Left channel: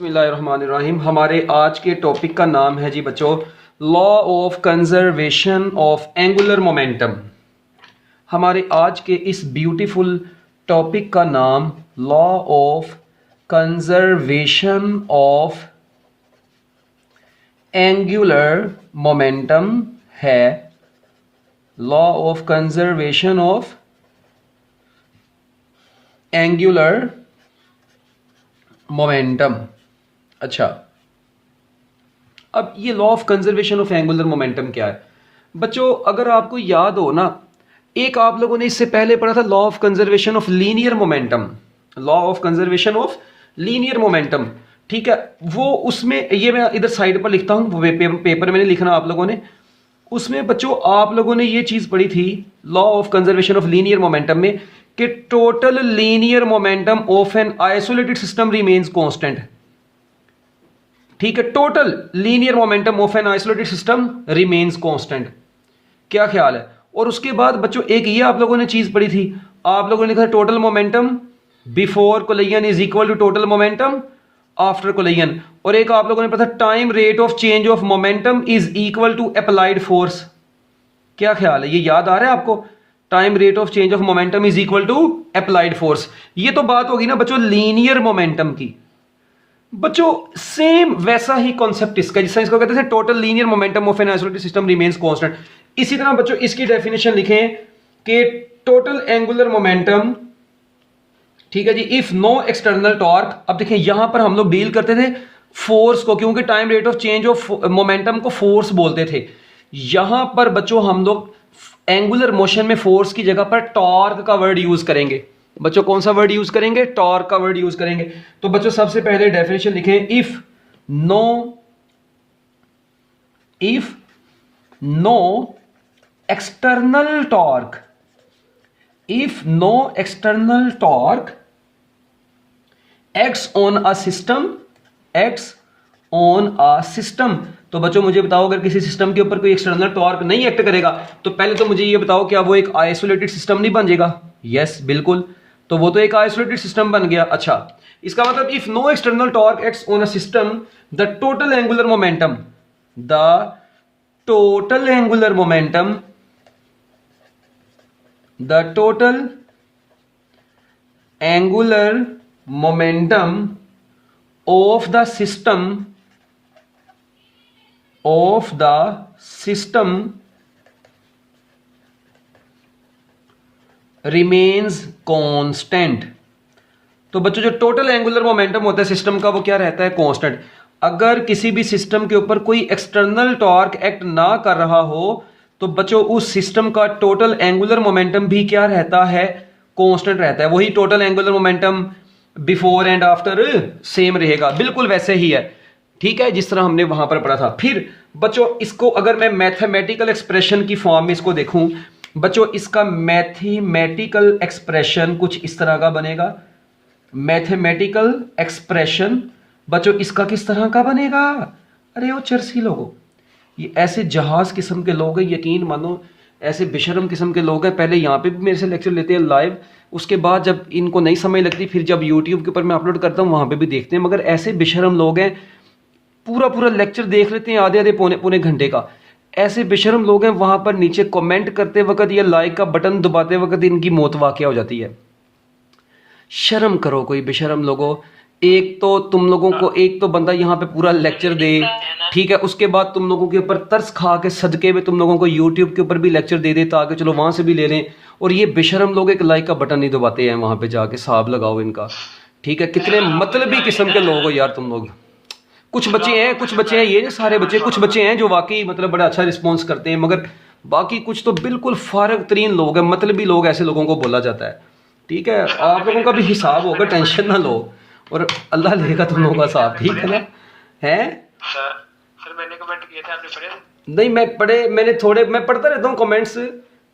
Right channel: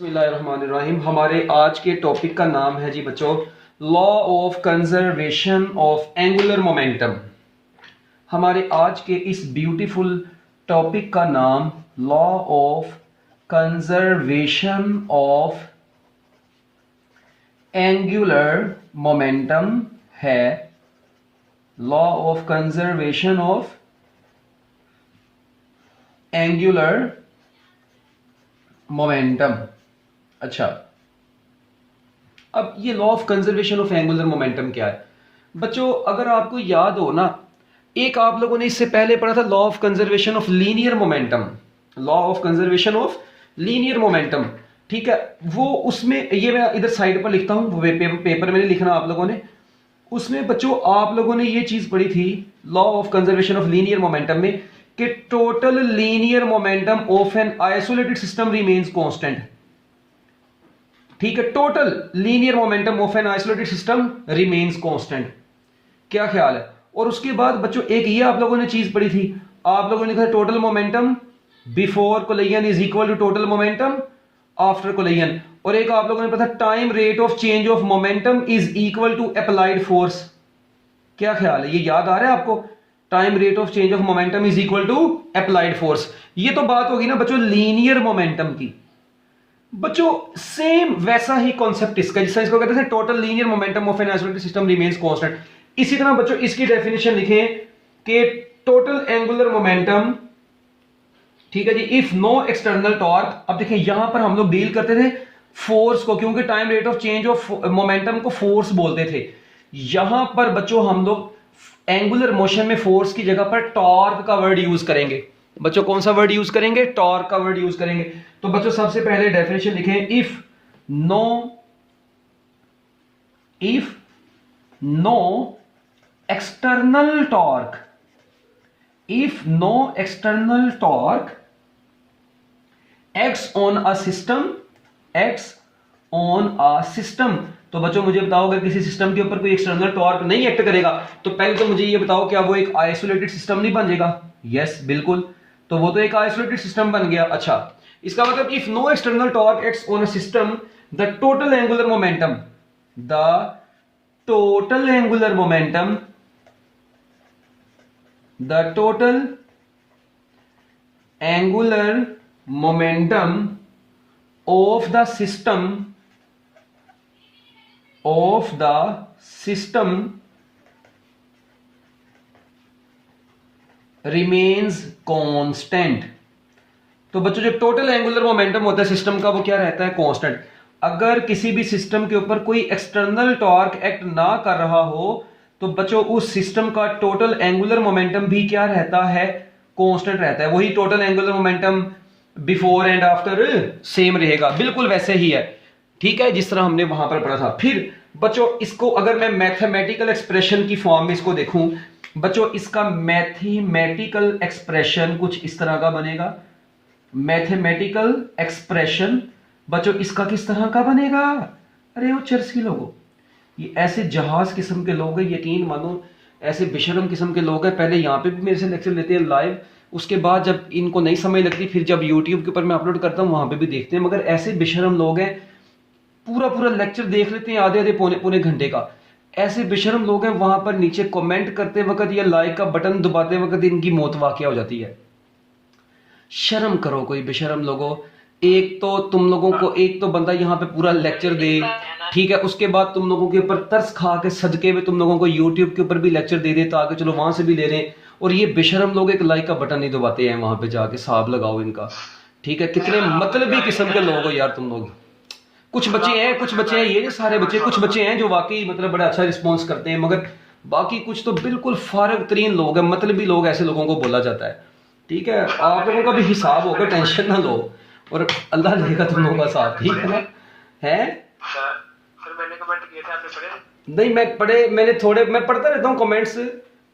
बिस्मिल्लाहिर्रहमानिर्रहीम। हमारे आज के टॉपिक का नाम है जी बच्चों, law of conservation of angular momentum. हमारे आज के इस ब्यूटीफुल टॉपिक का नाम law of conservation of angular momentum है। Law of conservation of angular momentum. अच्छा, अब ये law of conservation of angular momentum क्या है बच्चों? अगर आपको याद हो ना, एक आप लोगों ने इससे पहले पढ़ा था law of conservation of linear momentum. Law of conservation of linear momentum, ठीक है। वो उसमें ये मैं इधर साइड पर लिखता हूं, पेपर में नहीं लिखना आप लोगों ने। उसमें बच्चों आप लोगों ने ये चीज पढ़ी थी law of conservation of linear momentum में कि total linear momentum of an isolated system remains constant. ठीक है, total linear momentum of an isolated system remains constant. क्या ख्याल है? और उसके बाद बच्चों एक ये आप लोगों ने चीज पढ़ी थी, आप लोगों ने लिखा total momentum before collision is equal to total momentum after collision. और एक आप लोगों ने पढ़ा time rate of change of momentum is equal to applied force. क्या ख्याल है? ये याद आ रहा है आपको? Time rate of change of momentum is equal to applied force. ये तो बात होगी ना बच्चों लीनियर मोमेंटम की। बच्चों सेम वैसा ही कॉन्सेप्ट इसका, जिससे इसको कहते हैं total linear momentum of an isolated system remains constant. इसी तरह बच्चों इसकी डेफिनेशन लिखें कि टोटल एंगुलर मोमेंटम, ठीक है जी, इफ नो एक्सटर्नल टॉर्क। अब देखिए यहां पर हम लोग डील करते थे फोर्स को, क्योंकि time rate of change of momentum को फोर्स बोलते थे। यहां पर बच्चों हम लोग एंगुलर मोशन में फोर्स की जगह पर टॉर्क का वर्ड यूज करेंगे। बच्चों कौन सा वर्ड यूज करेंगे? टॉर्क का वर्ड यूज करेंगे। तो बच्चों सबसे पहले डेफिनेशन लिखें, if no external torque, if no external torque acts on a system, acts on a system। तो बच्चों मुझे बताओ, अगर किसी सिस्टम के ऊपर कोई एक्सटर्नल टॉर्क नहीं एक्ट करेगा तो पहले तो मुझे ये बताओ, क्या वो एक आइसोलेटेड सिस्टम नहीं बन जाएगा? यस बिल्कुल, तो वो तो एक आइसोलेटेड सिस्टम बन गया। अच्छा, इसका मतलब if no external torque acts on a system the total angular momentum, the total angular momentum, the total angular momentum of the system remains constant। तो बच्चों जो टोटल एंगुलर मोमेंटम होता है सिस्टम का, वो क्या रहता है? कांस्टेंट। अगर किसी भी सिस्टम के ऊपर कोई एक्सटर्नल टॉर्क एक्ट ना कर रहा हो तो बच्चों उस सिस्टम का टोटल एंगुलर मोमेंटम भी क्या रहता है? कांस्टेंट रहता है। वही total angular momentum before and after same रहेगा, बिल्कुल वैसे ही है। ठीक है, जिस तरह हमने वहां पर पढ़ा था। फिर बच्चों इसको अगर मैं मैथमेटिकल एक्सप्रेशन की फॉर्म में इसको देखूं बच्चों, इसका मैथमेटिकल एक्सप्रेशन कुछ इस तरह का बनेगा। मैथमेटिकल एक्सप्रेशन बच्चों इसका किस तरह का बनेगा? अरे वो चरसी लोगों, ये ऐसे जहाज किस्म के लोग हैं, यकीन मानो ऐसे बेशरम किस्म के लोग हैं। पहले यहाँ पे भी मेरे से लेक्चर लेते हैं लाइव, उसके बाद जब इनको नहीं समझ लगती फिर जब यूट्यूब के ऊपर मैं अपलोड करता हूँ वहाँ पे भी देखते हैं। मगर ऐसे बेशरम लोग हैं, पूरा पूरा लेक्चर देख लेते हैं आधे आधे पौने पौने घंटे का। ऐसे बेशरम लोग हैं, वहाँ पर नीचे कमेंट करते वक्त या लाइक का बटन दबाते वक्त इनकी मौत वाक़या हो जाती है। शर्म करो कोई बेशरम लोगों। एक तो तुम लोगों को एक तो बंदा यहाँ पे पूरा लेक्चर दे, ठीक है, उसके बाद तुम लोगों के ऊपर तरस खा के सदके में तुम लोगों को यूट्यूब के ऊपर भी लेक्चर दे दे ताकि चलो वहां से भी ले लें। और ये बेशरम लोग एक लाइक का बटन नहीं दबाते हैं, वहां पे जाके साहब लगाओ इनका। ठीक है, कितने मतलबी किस्म के लोग हो यार तुम लोग। कुछ बच्चे हैं, ये नहीं सारे बच्चे, कुछ बच्चे हैं जो वाकई मतलब बड़ा अच्छा रिस्पॉन्स करते हैं, मगर बाकी कुछ तो बिल्कुल फारग तरीन लोग हैं, मतलबी लोग। ऐसे लोगों को बोला जाता है। ठीक है, आप लोगों का भी हिसाब होगा, टेंशन ना लो, और अल्लाह लेगा तुम लोगों का साथ। ठीक है ना? है फिर मैंने कमेंट किए थे, आपने पढ़े? नहीं, मैंने थोड़े, मैं पढ़ता रहता हूँ कमेंट्स,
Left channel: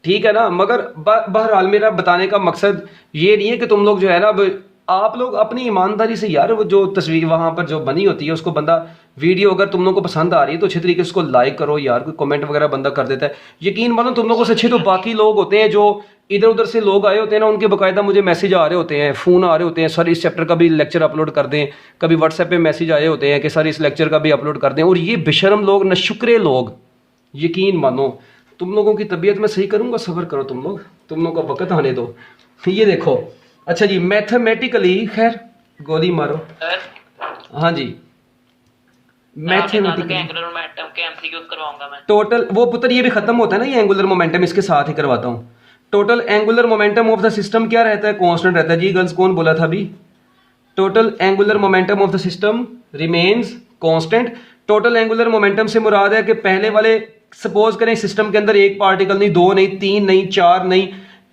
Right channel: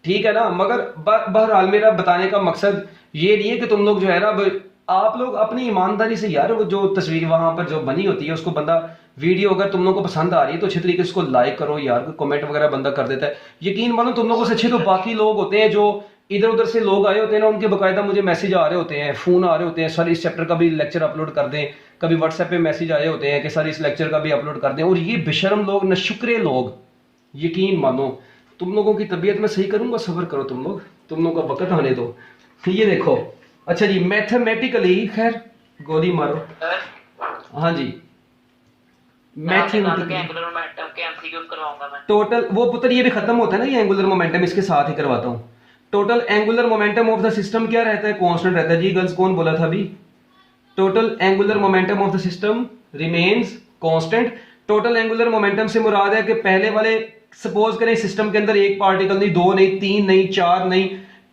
ठीक है ना। मगर बहरहाल मेरा बताने का मकसद ये नहीं है कि तुम लोग जो है ना, आप लोग अपनी ईमानदारी से यार वो जो तस्वीर वहां पर जो बनी होती है उसको बंदा, वीडियो अगर तुम लोगों को पसंद आ रही है तो अच्छे तरीके से उसको लाइक करो यार। कोई कमेंट वगैरह बंदा कर देता है, यकीन मानो तुम लोगों से अच्छे तो बाकी लोग होते हैं जो इधर उधर से लोग आए होते हैं ना, उनके बाकायदा मुझे मैसेज आ रहे होते हैं, फ़ोन आ रहे होते हैं, सर इस चैप्टर का भी लेक्चर अपलोड कर दें। कभी व्हाट्सएप पे मैसेज आए होते हैं कि सर इस लेक्चर का भी अपलोड कर दें। और ये बेशरम लोग, नशुक्रे लोग, यकीन मानो तुम लोगों की तबीयत में सही करूँगा, सब्र करो तुम लोग, तुम लोग का वक्त आने दो। ये देखो, अच्छा जी, मैथमेटिकली, खैर गोली मारो। हाँ जी, मैथमेटिकली एंगुलर मोमेंटम के एमसीक्यूज करवाऊंगा मैं। टोटल, वो पुत्र ये भी खत्म होता है ना, ये एंगुलर मोमेंटम इसके साथ ही करवाता हूँ। Total angular momentum of the system क्या रहता है? कांस्टेंट रहता है जी। गर्ल्स कौन बोला था अभी? Total angular momentum of the system remains constant. Total angular momentum से मुराद है कि पहले वाले, सपोज करें सिस्टम के अंदर एक पार्टिकल नहीं, दो नहीं, तीन नहीं, चार नहीं,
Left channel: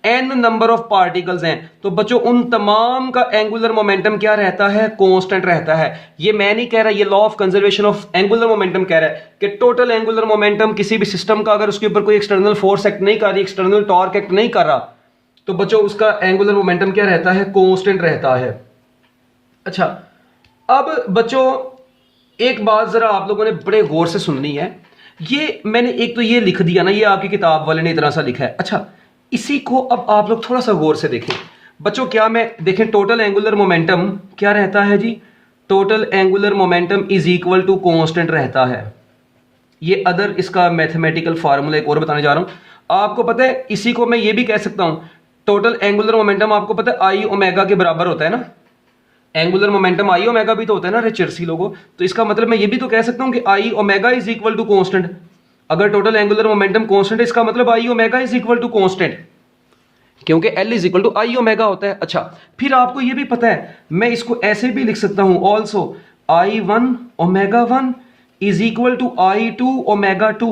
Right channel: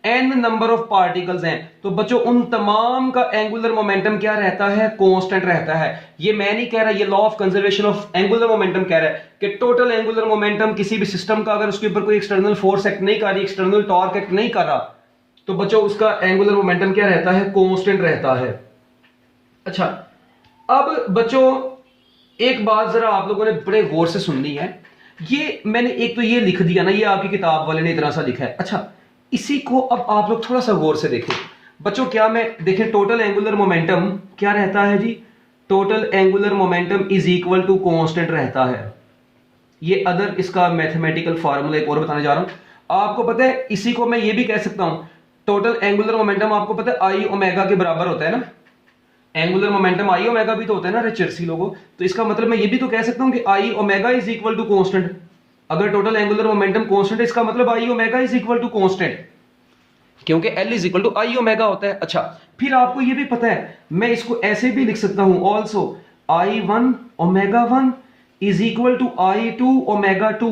n नंबर ऑफ पार्टिकल्स हैं, तो बच्चों उन तमाम का एंगुलर मोमेंटम क्या रहता है? कांस्टेंट रहता है। ये मैं नहीं कह रहा, ये law of conservation of angular momentum कह रहा है कि टोटल एंगुलर मोमेंटम किसी भी सिस्टम का, अगर उसके ऊपर कोई एक्सटर्नल फोर्स एक्ट नहीं कर रही, एक्सटर्नल टॉर्क एक्ट नहीं कर रहा, तो बच्चों उसका एंगुलर मोमेंटम क्या रहता है? कांस्टेंट रहता है। अच्छा, अब बच्चों एक बात जरा आप लोगों ने बड़े गौर से सुननी है। ये मैंने एक तो ये लिख दिया ना, ये आपकी किताब वाले ने इतना सा लिखा है। अच्छा, इसी को अब आप लोग थोड़ा सा गौर से देखें बच्चों। क्या मैं देखें, टोटल एंगुलर मोमेंटम क्या रहता है जी? Total angular momentum is equal to constant रहता है। ये अदर इसका मैथमेटिकल फार्मूला एक और बताने जा रहा हूं। आपको पता है, इसी को मैं ये भी कह सकता हूं, टोटल एंगुलर मोमेंटम आपको पता है आई ओमेगा के बराबर होता है ना। एंगुलर मोमेंटम आई ओमेगा भी तो होता है ना रिचर्सी लोगों। तो इसका मतलब मैं ये भी तो कह सकता हूं कि I omega is equal to constant. अगर टोटल एंगुलर मोमेंटम कांस्टेंट है, इसका मतलब I omega is equal to constant, क्योंकि L is equal to I omega होता है। अच्छा, फिर आपको ये भी पता है, मैं इसको ऐसे भी लिख सकता हूं, also I one omega one is equal to I two omega two.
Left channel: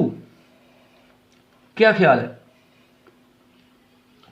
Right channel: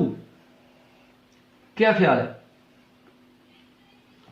क्या ख्याल है?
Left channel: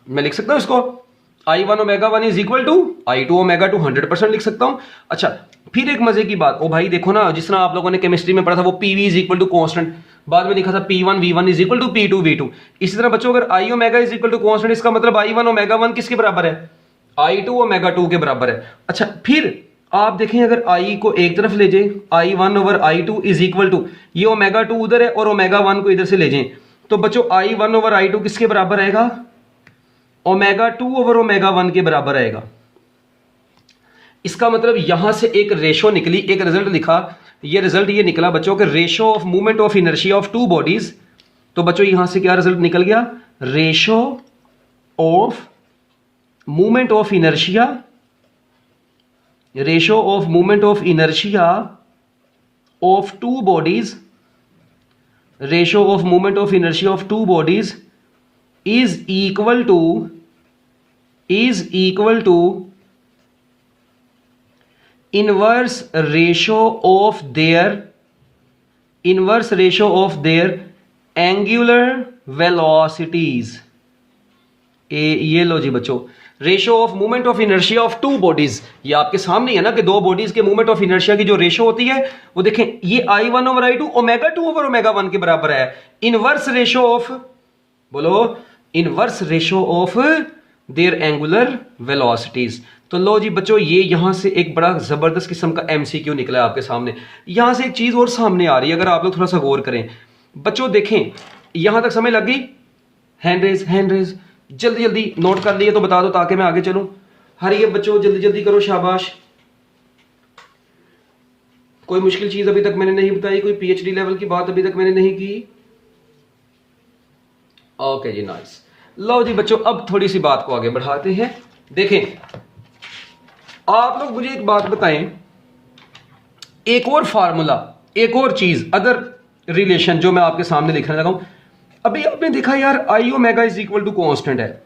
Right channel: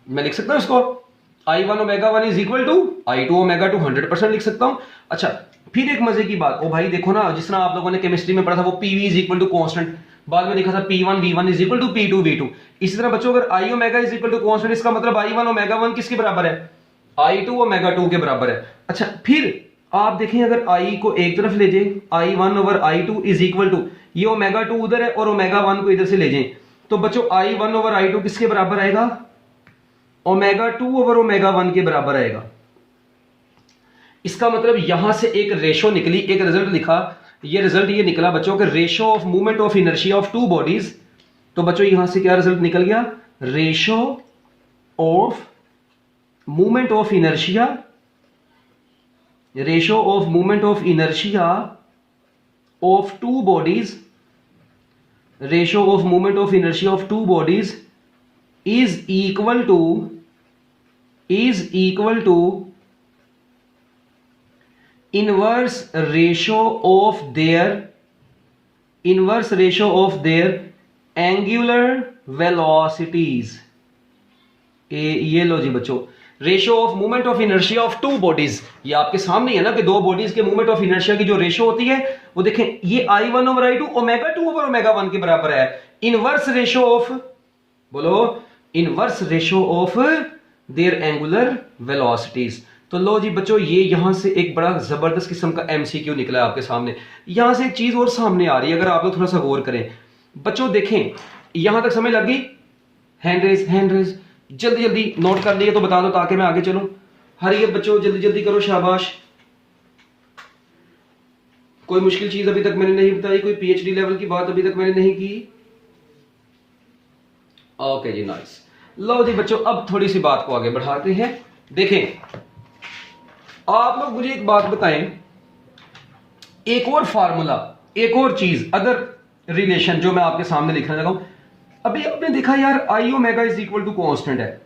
मैं लिख सकता हूं इसको, I one omega one is equal to I two omega two, 100% लिख सकता हूं। अच्छा, फिर एक मजे की बात, ओ भाई देखो ना, जिस तरह आप लोगों ने केमिस्ट्री में पढ़ा था, वो PV is equal to constant, बाद में लिखा था P1 V1 is equal to P2 V2। इसी तरह बच्चों, अगर I omega is equal to constant, इसका मतलब आई वन ओमेगा वन किसके बराबर है? आई टू ओमेगा टू के बराबर है। अच्छा, फिर आप देखें, अगर आई को एक तरफ ले जाए, I one over I two is equal to, ये ओमेगा टू उधर है और ओमेगा वन को इधर से ले जाए, तो बच्चों I one over I two किसके बराबर आएगा? Omega two over omega one के बराबर आएगा। इसका मतलब यहां से एक रेशो निकली, एक रिजल्ट लिखा, ये रिजल्ट ये निकला बच्चों के ratio of movement of inertia of two bodies. तो बच्चों यहां से क्या रिजल्ट निकल गया? Ratio of movement of inertia, ratio of movement of inertia of two bodies, ratio of movement of inertia of two bodies is equal to inverse ratio of their angular velocities। ये लो जी बच्चों, ratio of movement of inertia of two bodies, ये आपके सामने है ना कि दो bodies के मूवमेंट ऑफ इनर्शिया की जो रेशियो होती है, वो देखें, ये I one over I two omega two over omega one के बराबर है। इनवर्स रेशियो ऑफ, बोलो, inverse ratio of their angular velocities. तो लो जी बच्चों, ये यहां से एक बड़ा जबरदस्त किस्म का एमसीक्यू निकला है आपके सामने। यहां से एक चीज और सामने आ रही है, अगर आप लोग थोड़ा सा गौर करें बच्चों, देखें यहां तक समझ लग गई? हैंड रेज जल्दी जल्दी नोट कर लिए तो बता दो ताकि मैं आगे चलूं। हरिए बच्चों, जल्दी जल्दी करो, शाबाश। कोई मुश्किल चीज अभी तक मैंने नहीं बताई, कोई पीएचडी लेवल की बात अभी तक मैंने नहीं की। ओके जी, नाइस। लो जी बच्चों, अब थोड़ी सी बात को आगे बढ़ाते हैं। देखें, आप लोग मुझे एक बात बताएं, एक और फार्मूला, एक और चीज, अदर रिलेशन जो मैं आपके सामने लिखने लगा हूं। अभी आपने देखा यार, I omega is equal to constant है।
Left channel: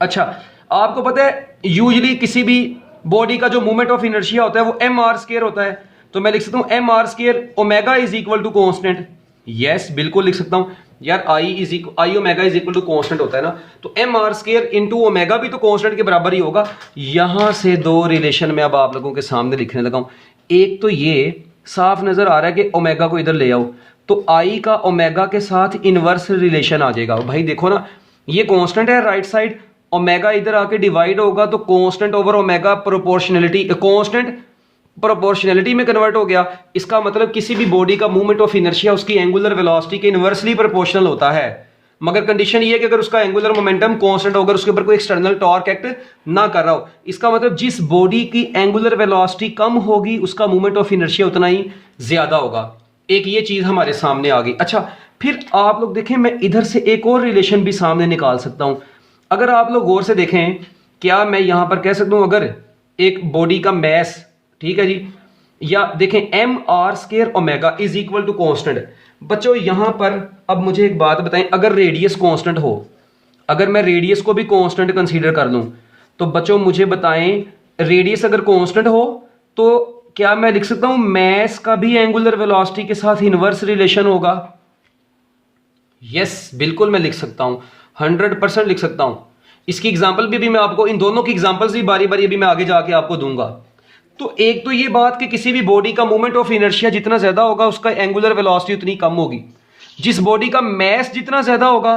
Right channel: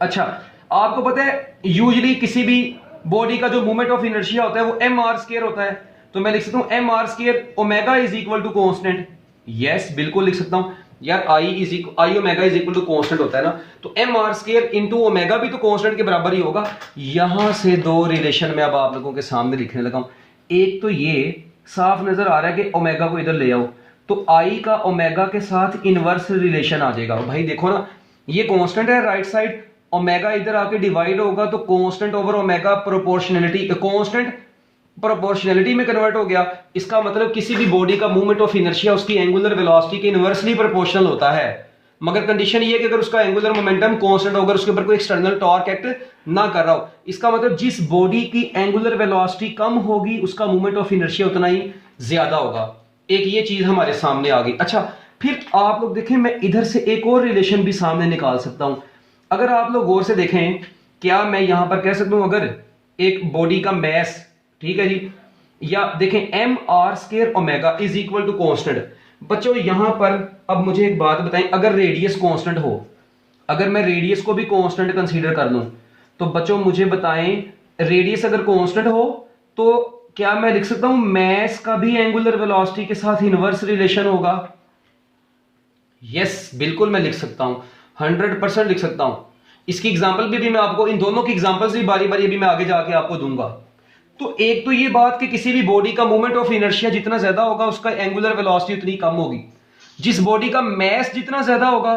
अच्छा, आपको पता है यूजुअली किसी भी बॉडी का जो मूवमेंट ऑफ इनर्शिया होता है वो एम आर स्क्वायर होता है। तो मैं लिख सकता हूं M R square omega is equal to constant. Yes, बिल्कुल लिख सकता हूं यार, I omega is equal to constant होता है ना, तो M R square into omega भी तो कांस्टेंट के बराबर ही होगा। यहां से दो रिलेशन में अब आप लोगों के सामने लिखने लगा हूं। एक तो ये साफ नजर आ रहा है कि ओमेगा को इधर ले आओ, तो आई का ओमेगा के साथ इनवर्स रिलेशन आ जाएगा। भाई देखो ना, ये कांस्टेंट है राइट साइड, ओमेगा इधर आके डिवाइड होगा तो constant over omega proportionality, constant proportionality में कन्वर्ट हो गया। इसका मतलब किसी भी बॉडी का मूवमेंट ऑफ इनर्शिया उसकी एंगुलर वेलोसिटी के इनवर्सली प्रोपोर्शनल होता है। मगर कंडीशन ये है कि अगर उसका एंगुलर मोमेंटम कांस्टेंट होगा, उसके ऊपर कोई एक्सटर्नल टॉर्क एक्ट ना कर रहा हो। इसका मतलब जिस बॉडी की एंगुलर वेलोसिटी कम होगी उसका मोमेंट ऑफ इनर्शिया उतना ही ज्यादा होगा। एक ये चीज हमारे सामने आ गई। अच्छा, फिर आप लोग देखें, मैं इधर से एक और रिलेशन भी सामने निकाल सकता हूं। अगर आप लोग गौर से देखें, क्या मैं यहां पर कह सकता हूं अगर एक बॉडी का मैस, ठीक है जी, या देखें M R square omega is equal to constant. बच्चों यहां पर अब मुझे एक बात बताएं, अगर रेडियस कांस्टेंट हो, अगर मैं रेडियस को भी कांस्टेंट कंसीडर कर लूं, तो बच्चों मुझे बताएं रेडियस अगर कांस्टेंट हो तो क्या मैं लिख सकता हूं मैस का भी एंगुलर वेलोसिटी के साथ इनवर्स रिलेशन होगा? यस, बिल्कुल मैं लिख सकता हूं, 100% लिख सकता हूं। इसकी एग्जांपल भी मैं आपको, इन दोनों की एग्जांपल्स भी बारी बारी अभी मैं आगे जाके आपको दूंगा। तो एक तो ये बात कि किसी भी बॉडी का मोमेंट ऑफ इनर्शिया जितना ज्यादा होगा उसका एंगुलर वेलोसिटी उतनी कम होगी। जिस बॉडी का मैस जितना ज्यादा होगा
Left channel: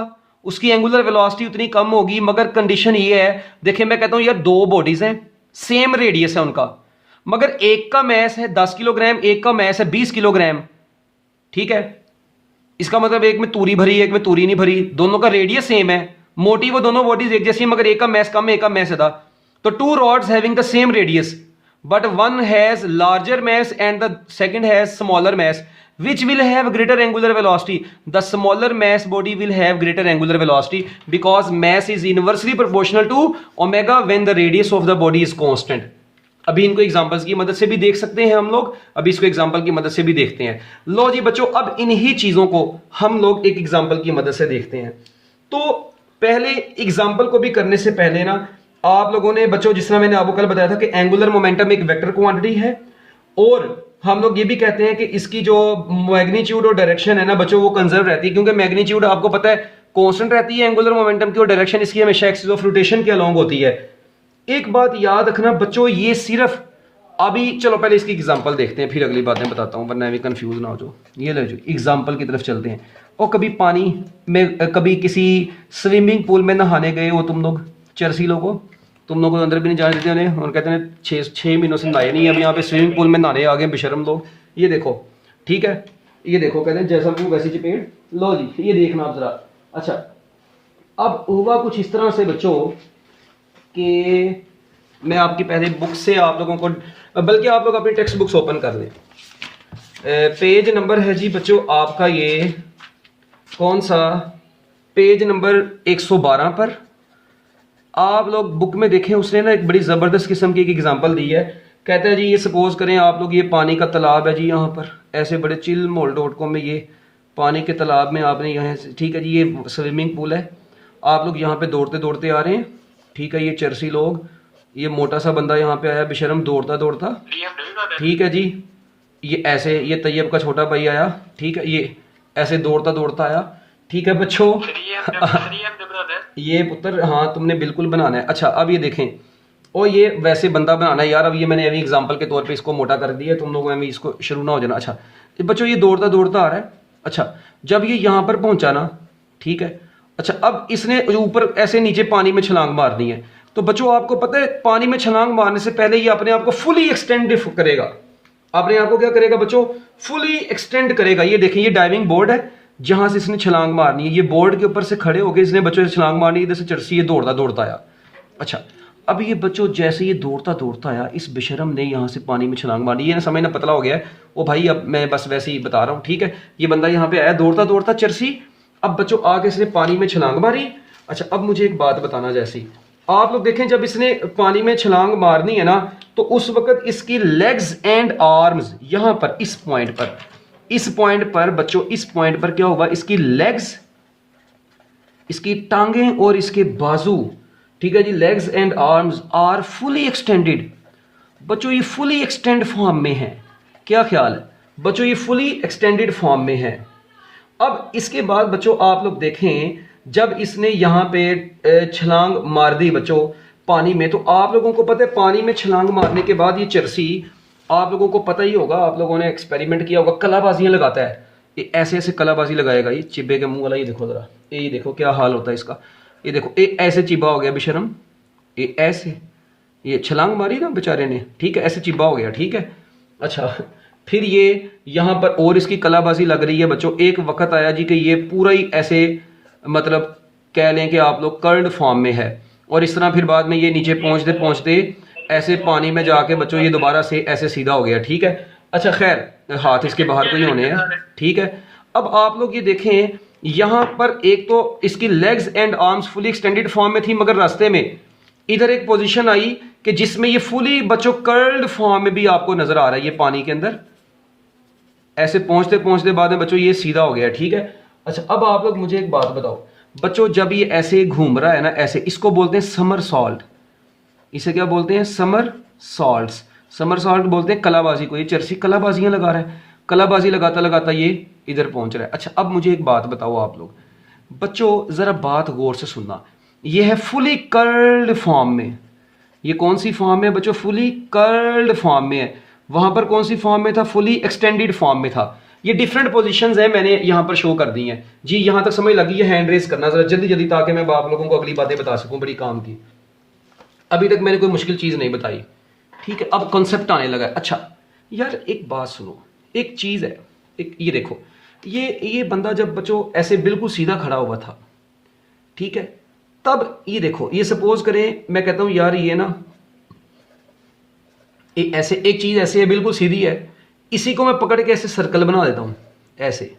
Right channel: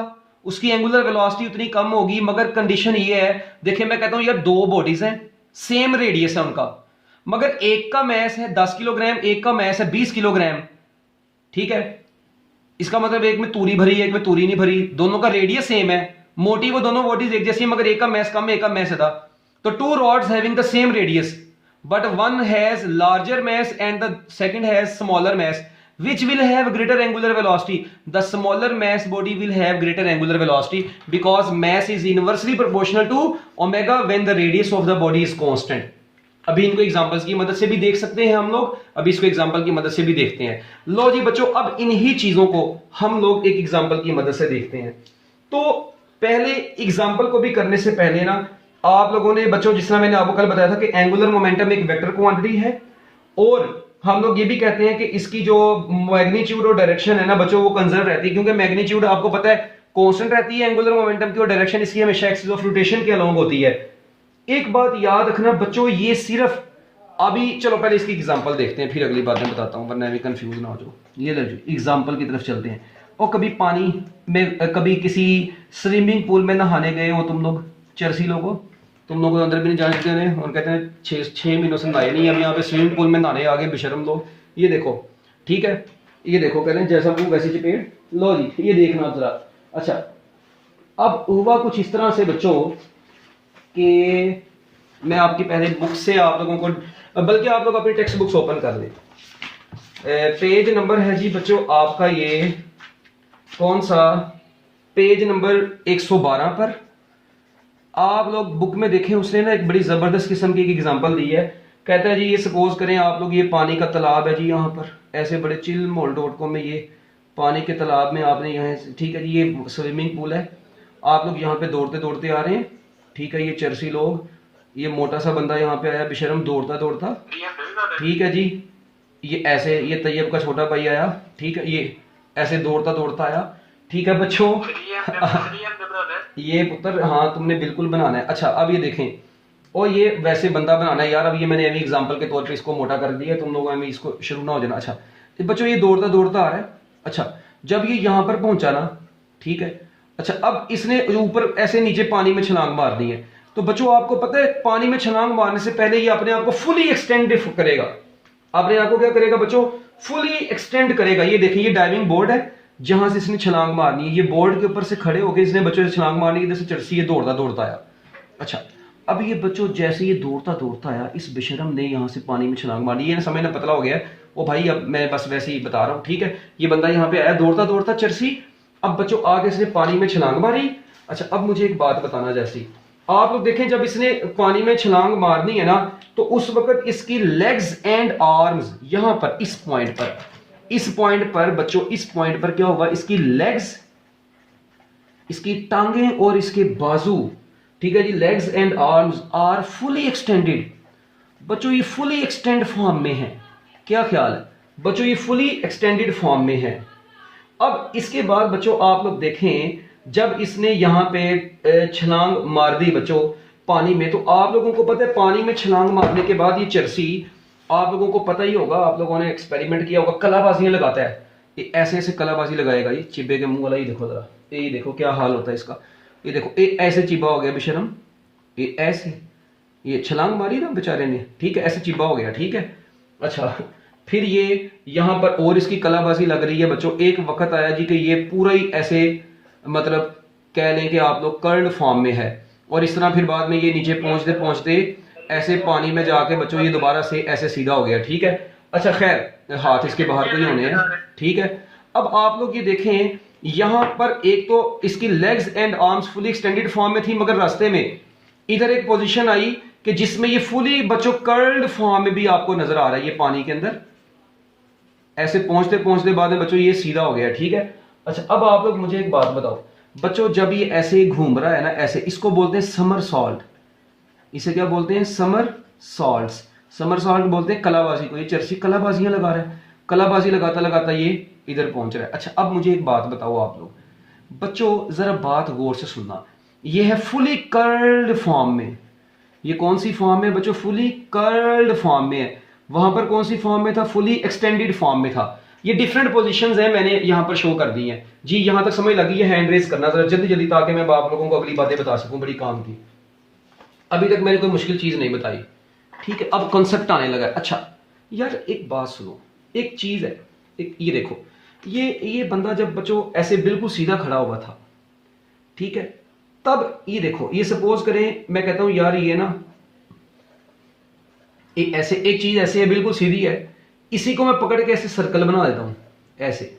उसकी एंगुलर वेलोसिटी उतनी कम होगी। मगर कंडीशन ये है, देखिए मैं कहता हूं यार दो बॉडीज हैं, सेम रेडियस है उनका, मगर एक का मैस है 10 किलोग्राम, एक का मैस है 20 किलोग्राम, ठीक है। इसका मतलब एक में तूरी भरी है, एक में तूरी नहीं भरी, दोनों का रेडियस सेम है, मोटी वो दोनों बॉडीज एक जैसी है, मगर एक का मैस कम है, एक का मैस ज्यादा। तो two rods having the same radius but one has larger mass and the second has smaller mass, which will have greater angular velocity? The smaller mass body will have greater angular velocity because mass is inversely proportional to omega when the radius of the body is constant. अभी इनको examples की मदद से भी देख सकते हैं हम लोग, अभी इसको एग्जांपल की मदद से भी देखते हैं। लो जी बच्चों, अब इन्हीं चीजों को हम लोग एक एग्जांपल की मदद से देखते हैं। तो पहले एग्जांपल को भी करने से पहले ना, आप लोगों ने बच्चों, जिस तरह मैंने आपको कल बताया था कि एंगुलर मोमेंटम एक वेक्टर क्वांटिटी है, और हम लोग ये भी कहते हैं कि इसकी जो मैग्नीट्यूड और डायरेक्शन है ना बच्चों, वो कंजर्व रहती है, क्योंकि मैग्नीट्यूड आपको पता है कांस्टेंट रहती है एंगुलर मोमेंटम की, और डायरेक्शन इसकी हमेशा एक्सिस ऑफ रोटेशन के अलोंग होती है। एक बात याद रखना बच्चों, ये सिर्फ अभी, चलो पहले इसकी एग्जांपल देखते हैं, फिर अगली बातें बताता हूं, वरना भी कंफ्यूज ना हो जाओ। ये ले जो एग्जांपल की तरफ चलते हैं। और कभी पानी में, कभी किसी स्विमिंग पूल में नहाने गए हो तुम लोग, चर्सी लोगों, तुम लोग को अंदर भी नहीं जाने देते हैं, और कहते हैं 6 महीनों से नहाए नहीं, हम यहाँ पे स्विमिंग पूल में नहाने आ गए बेशरम लोग। ये देखो, ठीक है, ये देखो, कहते हैं जैसा मुंह वैसी चपेट, लो जी ये देखना आप जरा। अच्छा, अब हुआ कुछ इस तरह से बच्चों कि मैं आपकी पहले बुक से आप लोगों को, बल्कि आप लोग अपनी टेक्स्ट बुक्स ओपन कर लें। पेज नंबर है जी बच्चों आपका, ये कौन सा पेज नंबर 112 पर आप लोग बुक में देखें, उसने ना एक बड़ी जबरदस्त किस्म की एक एग्जांपल दी है। कहता है जी, ये सपोज करें आप लोग, ये पानी का तालाब है जी, यहाँ पर ऐसे बड़े चिल मोल डॉटको में ये पानी के तालाब में आपने यहाँ, ठीक है जी, ये स्विमिंग पूल है, आप लोग यहाँ पे दौड़ते दौड़ते आ रहे हैं, ठीक है। ये चर्सी लोग, ये मोटा सा बंदा यहाँ पे आया बेशरम दौड़ता दौड़ता, ठीक है जी, ये ऐसे, ये तैयब का छोटा भाई आया, ठीक है, ये ऐसे दौड़ता दौड़ता आया, ठीक है बच्चों। ये पुत्र, हाँ तुमने बिल्कुल बनाना है। अच्छा, अब ये देखें, और ये वैसे बंदा बनाना है यार, अब ये मैंने अभी एग्जांपल के तौर पे इसको मोटा कर दिया, तुम लोगों में इसको शुरू ना हो जाना। अच्छा बच्चों, ये दौड़ता दौड़ता आ रहा है। अच्छा, जब ये यहाँ पर पहुंचा ना, ठीक है, अच्छा अब इसने ऊपर ऐसे नीचे पानी में छलांग मारनी है। तो बच्चों आपको पता है, पानी में छलांग मारने से पहले ये अपने आप को फुली एक्सटेंड करेगा, अपने आप को क्या करेगा बच्चों, फुली एक्सटेंड करेगा। ये देखिए, ये डाइविंग बोर्ड है जहां से इसने छलांग मारनी है, ये बोर्ड के ऊपर से खड़े होकर इसने बच्चों से छलांग मारनी है, इधर से चर्सी ये दौड़ता दौड़ता आया। अच्छा, अब ये बच्चों जैसे ये दौड़ता दौड़ता आया, इस बेशरम ने यहाँ से पानी में छलांग मारी, ये समझना पतला हो गया है ओ भाई, अब मैं बस वैसे ही बता रहा हूँ, ठीक है। ये बंदा यहाँ पे आया दौड़ता दौड़ता चर्सी, अब बच्चों आगे इसने पानी में छलांग मारी। अच्छा, अब मुझे एक बात बताना, जैसी आप लोग देखें, जब इसने पानी में छलांग मारनी है ना, तो उस वक्त इसकी लेग्स एंड आर्म्स यहाँ पर, इस पॉइंट पर बच्चों, इस पॉइंट पर क्या होगा, इसकी लेग्स, इसकी टांगें और इसके बाजू, ठीक है जी, legs and arms are fully extended. बच्चों ये फुली एक्सटेंड फॉर्म में है, क्या ख्याल है बच्चों, ये फुली एक्सटेंडेड फॉर्म में है। अब इसके बाद बच्चों आप लोग देखें, जब इसने यहां पे छलांग मार दी बच्चों पानी में, तो आप लोगों को पता है पानी में छलांग मारने के बाद ये चर्सी, आप लोगों को पता ही होगा, आप लोगों ने एक्सपेरिमेंट किया होगा, कलाबाजियां लगाता है, ये ऐसे ऐसे कलाबाजी लगाएगा, ये चिब्बे के मुंह वाला, ये देखो जरा, ये देखो क्या हाल होता है इसका, ये देखो, ये ऐसे चिब्बा हो गया बेशरम, ये ऐसे, ये छलांग मारी ना बेचारे ने, ठीक है, ऐसे चिब्बा हो गया, ठीक है। अच्छा, फिर ये यहां पर और इसकी कलाबाजी लग रही है बच्चों। एक वक्त आया जी कि ये पूरा ही ऐसे मतलब कह लें कि आप लोग कर्ल्ड फॉर्म में है, और इस तरह फिर बाद में ये नीचे पहुंचते पहुंचते ऐसे पानी में जाके बच्चों ये दोबारा से ऐसे सीधा हो गया। ठीक है, अच्छा खैर हाथ इसके बाहर को ही होने हैं। ठीक है, अब आप लोग ये देखें यहाँ पर एक तो इसकी legs and arms fully extended form में थी, मगर रास्ते में इधर एक पोजीशन आई कि जिसमें ये फुली बच्चों कर्ल्ड फॉर्म में भी आपको नजर आ रहा है, ये पानी के अंदर ऐसे पहुंचते पहुंचते बाद में बच्चों ये सीधा हो गया। ठीक है, अच्छा अब आप लोग मुझे एक बात बताओ बच्चों, जब ये ऐसे घूम रहा है ना ऐसे, इसको बोलते हैं समर सॉल्ट। इसे क्या बोलते हैं? Summer salt. समर सॉल्ट बोलते हैं कलाबाजी को। ये चर्सी कलाबाजियां लगा रहा है, कलाबाजी लगाता लगाता ये इधर पहुंच रहा है। अच्छा अब मुझे एक बात बताओ आप लोग बच्चों, जरा बात गौर से सुनना। ये है फुली कर्ल्ड फॉर्म में। ये कौन सी फॉर्म में बच्चों? फुली कर्ल्ड फॉर्म में है। वहां पर कौन सी फॉर्म में था? फुली एक्सटेंडेड फॉर्म में था। ये डिफरेंट पोजीशंस हैं, मैंने यहां पर शो कर दी हैं जी। यहां तक समझ लगी है? हैंड रेज करना जरा जल्दी जल्दी, ताकि मैं आप लोगों को अगली बातें बता सकूं बड़ी काम की। अभी तक मैंने कोई मुश्किल चीज नहीं बताई। ठीक है, अब कॉन्सेप्ट आने लगा। अच्छा यार एक बात सुनो, एक चीज है, एक ये देखो, ये बंदा जब बच्चों ऐसे बिल्कुल सीधा खड़ा हुआ था, ठीक है, तब ये देखो, ये सपोज करें मैं कहता हूं यार ये ना ऐसे एक चीज ऐसे है बिल्कुल सीधी है, इसी को मैं पकड़ के ऐसे सर्कल बना देता हूं ऐसे।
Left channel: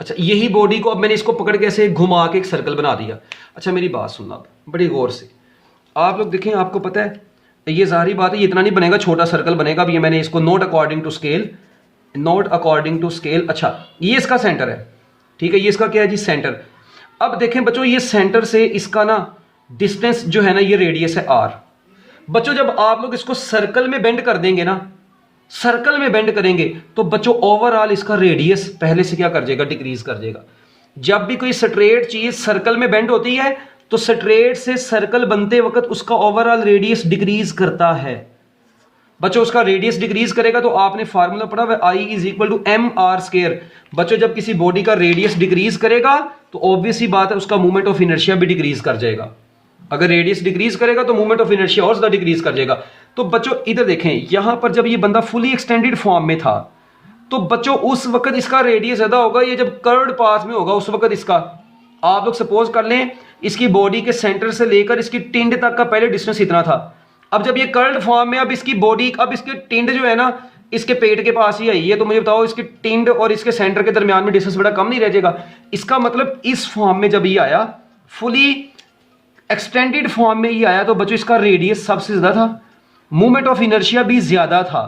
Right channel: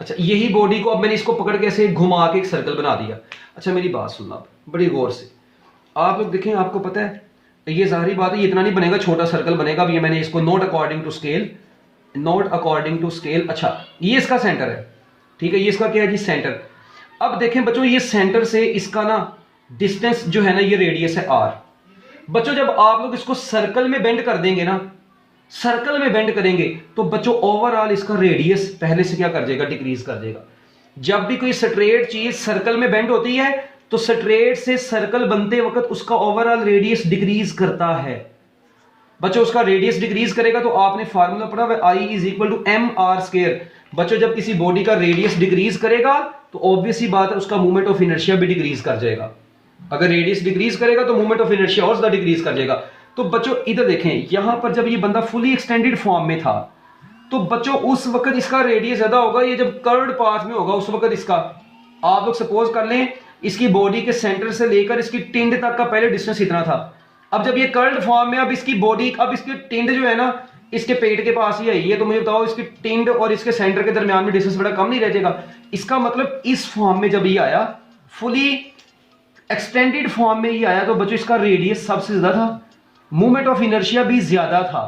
अच्छा यही बॉडी को अब मैंने इसको पकड़ के ऐसे घुमा के एक सर्कल बना दिया। अच्छा मेरी बात सुनना बड़ी गौर से, आप लोग देखें, आपको पता है ये जाहिर बात है ये इतना नहीं बनेगा, छोटा सर्कल बनेगा। अब ये मैंने इसको not according to scale, not according to scale. अच्छा ये इसका सेंटर है, ठीक है, ये इसका क्या है जी? सेंटर। अब देखें बच्चों, ये सेंटर से इसका ना डिस्टेंस जो है ना, ये रेडियस है आर। बच्चों जब आप लोग इसको सर्कल में बेंड कर देंगे ना, सर्कल में बेंड करेंगे तो बच्चों ओवरऑल इसका रेडियस पहले से क्या कर जाएगा? डिक्रीज कर जाएगा। जब भी कोई स्ट्रेट चीज सर्कल में बेंड होती है तो स्ट्रेट से सर्कल बनते वक्त उसका ओवरऑल रेडियस डिक्रीज करता है। बच्चों उसका रेडियस डिक्रीज करेगा तो आपने फार्मूला पढ़ा हुआ I is equal to M R square. बच्चों जब किसी बॉडी का रेडियस डिक्रीज करेगा तो ऑब्वियस ही बात है उसका मूवमेंट ऑफ इनर्शिया भी डिक्रीज कर जाएगा। अगर रेडियस डिक्रीज करेगा तो मूवमेंट ऑफ इनर्शिया और ज्यादा डिक्रीज कर जाएगा। तो बच्चों इधर देखें, यहां पर जब ये बंदा फुली एक्सटेंडेड फॉर्म में था तो बच्चों उस वक्त इसका रेडियस ज्यादा होगा। ये जब कर्व्ड पाथ में होगा उस वक्त इसका, आप लोग सपोज कर लें इसकी बॉडी के सेंटर से लेकर इसकी टिंड तक का पहले डिस्टेंस इतना था। अब जब ये कर्व्ड फॉर्म में, अब इसकी बॉडी, अब इसकी टिंड जो है ना इसके पेट के पास ही आई है, तो मुझे बताओ इसकी टिंड और इसके सेंटर के दरमियान में डिस्टेंस बड़ा कम नहीं रह जाएगा? इसका मतलब इस फॉर्म में जब ये आया, फुली एक्सटेंडेड फॉर्म में ये आया, तो बच्चों इसका रेडियस सबसे ज्यादा था, मूवमेंट ऑफ इनर्शिया भी ज्यादा था,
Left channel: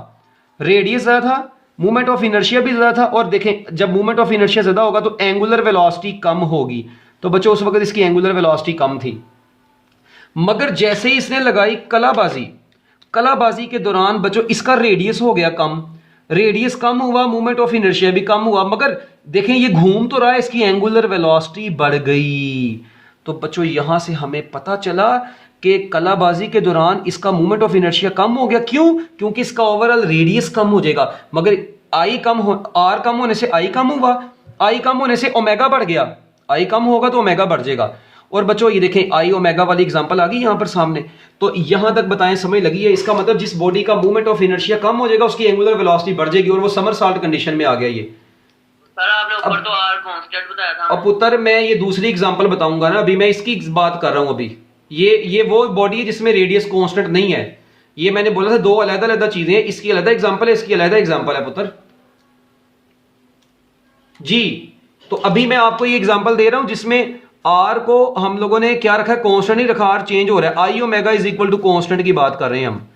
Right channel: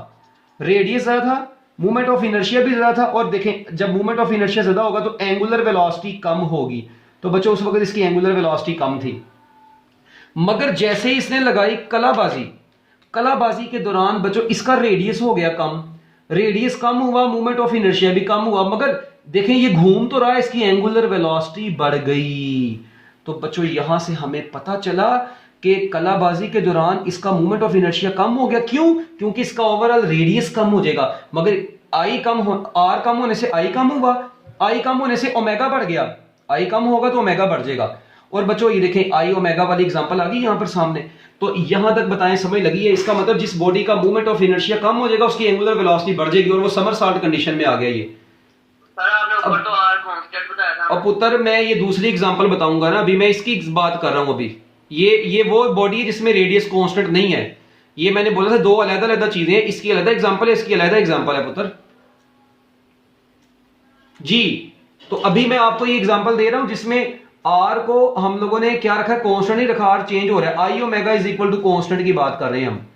रेडियस ज्यादा था, मूवमेंट ऑफ इनर्शिया भी ज्यादा था। और देखें जब मूवमेंट ऑफ इनर्शिया ज्यादा होगा तो एंगुलर वेलोसिटी कम होगी। तो बच्चों उस वक्त इसकी एंगुलर वेलोसिटी कम थी। मगर जैसे ही इसने लगाई कलाबाजी, कलाबाजी के दौरान बच्चों इसका रेडियस हो गया कम, रेडियस कम हुआ, मूवमेंट ऑफ इनर्शिया भी कम हुआ, मगर देखें ये घूम तो रहा है, इसकी एंगुलर वेलोसिटी बढ़ गई। तो बच्चों यहां से हमें पता चला कि कलाबाजी के दौरान इसका मूवमेंट ऑफ इनर्शिया कम हो गया। क्यों? क्योंकि इसका ओवरऑल रेडियस कम हो जाएगा, मगर आई कम हो, आर कम होने से आई कम हुआ, आई कम होने से ओमेगा बढ़ गया, आई कम होगा तो ओमेगा बढ़ जाएगा। और बच्चों ये देखें आई ओमेगा वाली एग्जांपल आ गई यहां पर सामने। तो यहां तक बताएं समझ लगी है? इसका मतलब जिस बॉडी का मूवमेंट ऑफ इनर्शिया कम हो जाएगा उसकी एंगुलर वेलोसिटी बढ़ जाएगी, और वो समर सॉल्ट कंडीशन में आ गया ये। सर आपने ऊपर तो आर कांस्टेंट बताया था। अब पुत्र मैं ये दूसरी एग्जांपल बताऊंगा ना, अभी मैं इसकी बात कर रहा हूं। अभी ये वो बॉडी है जिसमें रेडियस कांस्टेंट नहीं है। ये मैंने बोला था दो अलग अलग चीजें हैं, इसकी अलग एग्जांपल है, इसकी अलग एग्जांपल है पुत्र जी। तो अभी मैं आपको ये एग्जांपल दे रहा हूं जिसमें आर को हम लोगों ने क्या रखा है? कांस्टेंट ही रखा, आर चेंज हो रहा है, I omega is equal to constant की बात कर रहे हैं हम।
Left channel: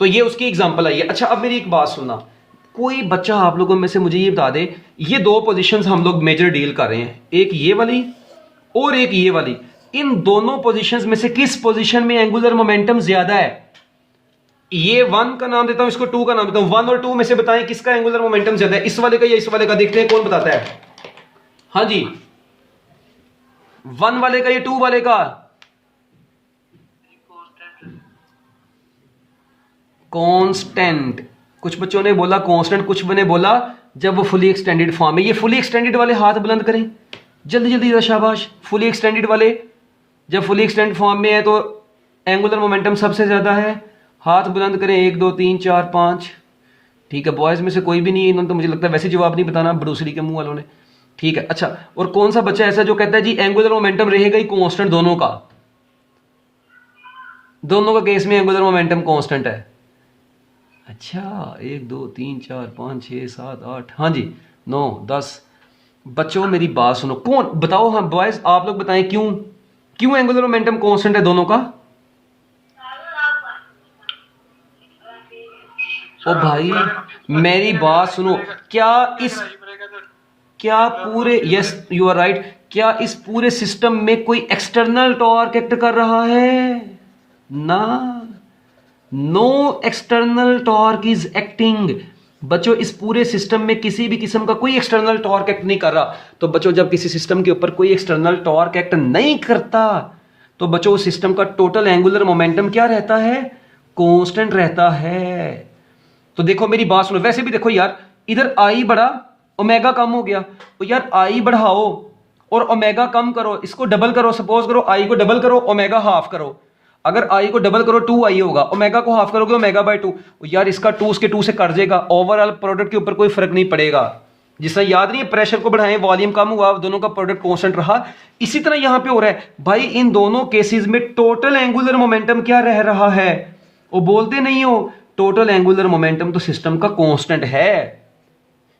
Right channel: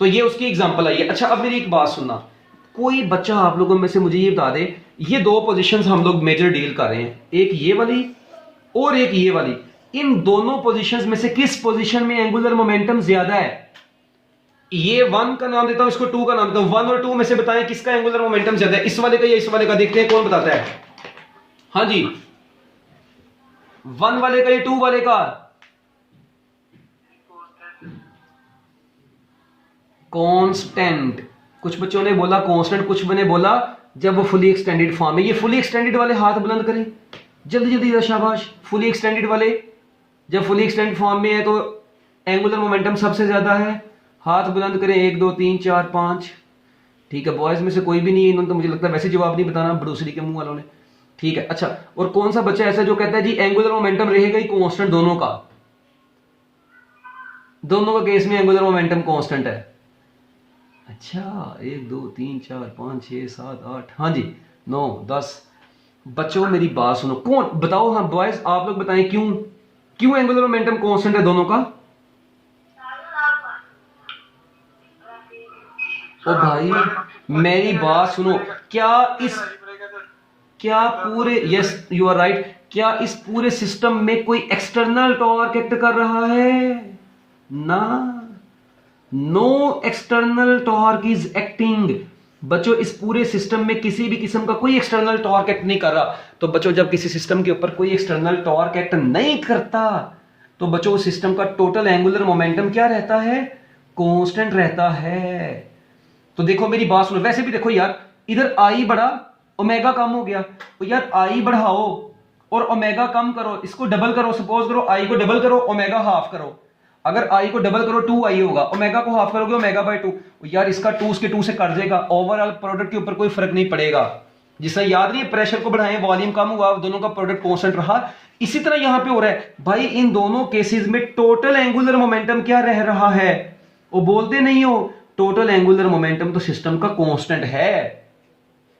तो ये उसकी एग्जांपल आई है। अच्छा अब मेरी एक बात सुनना, कोई बच्चा आप लोगों में से मुझे ये बता दे, ये दो पोजीशंस हम लोग मेजर डील कर रहे हैं, एक ये वाली और एक ये वाली, इन दोनों पोजीशंस में से किस पोजीशन में एंगुलर मोमेंटम ज्यादा है? ये 1 का नाम देता हूं, इसको 2 का नाम देता हूं। 1 और 2 में से बताएं किसका एंगुलर मोमेंटम ज्यादा है, इस वाले का या इस वाले का? देखते हैं कौन बताता है। हाँ जी, 1 वाले का या 2 वाले का? कांस्टेंट। कुछ बच्चों ने बोला कांस्टेंट, कुछ ने बोला जब वो फुली एक्सटेंडेड फॉर्म है। ये फुली एक्सटेंडेड वाले हाथ बुलंद करें जल्दी जल्दी, शाबाश। फुली एक्सटेंडेड वाले जब फुली एक्सटेंडेड फॉर्म में है तो एंगुलर मोमेंटम सबसे ज्यादा है, हाथ बुलंद करें। 1 2 3 4 5। ठीक है, बॉयज में से कोई भी नहीं है, इन्होंने तो मुझे लगता है वैसे जवाब नहीं बताना, बड़ूसरी के मुंह वालों ने। ठीक है। अच्छा, और कौन सा बच्चा ऐसा जो कहता है जी एंगुलर मोमेंटम रहेगा ही कांस्टेंट दोनों का? दोनों का केस में एंगुलर मोमेंटम कांस्टेंट है। अच्छा, 1 2 3 4 5 6 7 8, हाँ जी 9 10। बच्चों मेरी बात सुनो, कौन बताओ, हाँ बॉयज आप लोग बताएं क्यों क्यों एंगुलर मोमेंटम कांस्टेंट है दोनों का? ओ भाई मेरी बात सुनो, क्या इस क्या पूरे, यस यू आर राइट, क्या इस पूरे सिस्टम में कोई एक्सटर्नल टॉर्क एक्ट कर रहा है? ना, no external torque is acting. बच्चों इस पूरे सिस्टम में किसी भी किस्म का कोई एक्सटर्नल टॉर्क एक्ट नहीं कर रहा। तो बच्चों जब किसी सिस्टम के ऊपर कोई एक्सटर्नल टॉर्क एक्ट नहीं करता तो बच्चों उस सिस्टम का टोटल एंगुलर मोमेंटम क्या रहता है? कांस्टेंट रहता है। तो देखो मेरी बात सुनो, वैसे भी देखो यार, इधर आई बढ़ा ओमेगा कम हो गया, तो यार आई बढ़ाओ और ओमेगा कम करो, इसको डबल करो, सपोज करो आई को डबल करो ओमेगा हाफ करो। अगर आई को डबल करो 2 आई होगा, ओमेगा को हाफ करोगे ओमेगा बाय 2, यार इसका 2 उसके 2 से कट जाएगा, ओवरऑल प्रोडक्ट के ऊपर कोई फर्क नहीं पड़ेगा। जिससे याद नहीं है प्रेशर को बढ़ाएं वॉल्यूम कम हुआ, दोनों का प्रोडक्ट कांस्टेंट रहा। इसी तरह यहां पे हो रहा है भाई, इन दोनों केसेस में टोटल एंगुलर मोमेंटम क्या रह रहा है? वो बोलते नहीं हो टोटल एंगुलर मोमेंटम तो सिस्टम का कांस्टेंट है,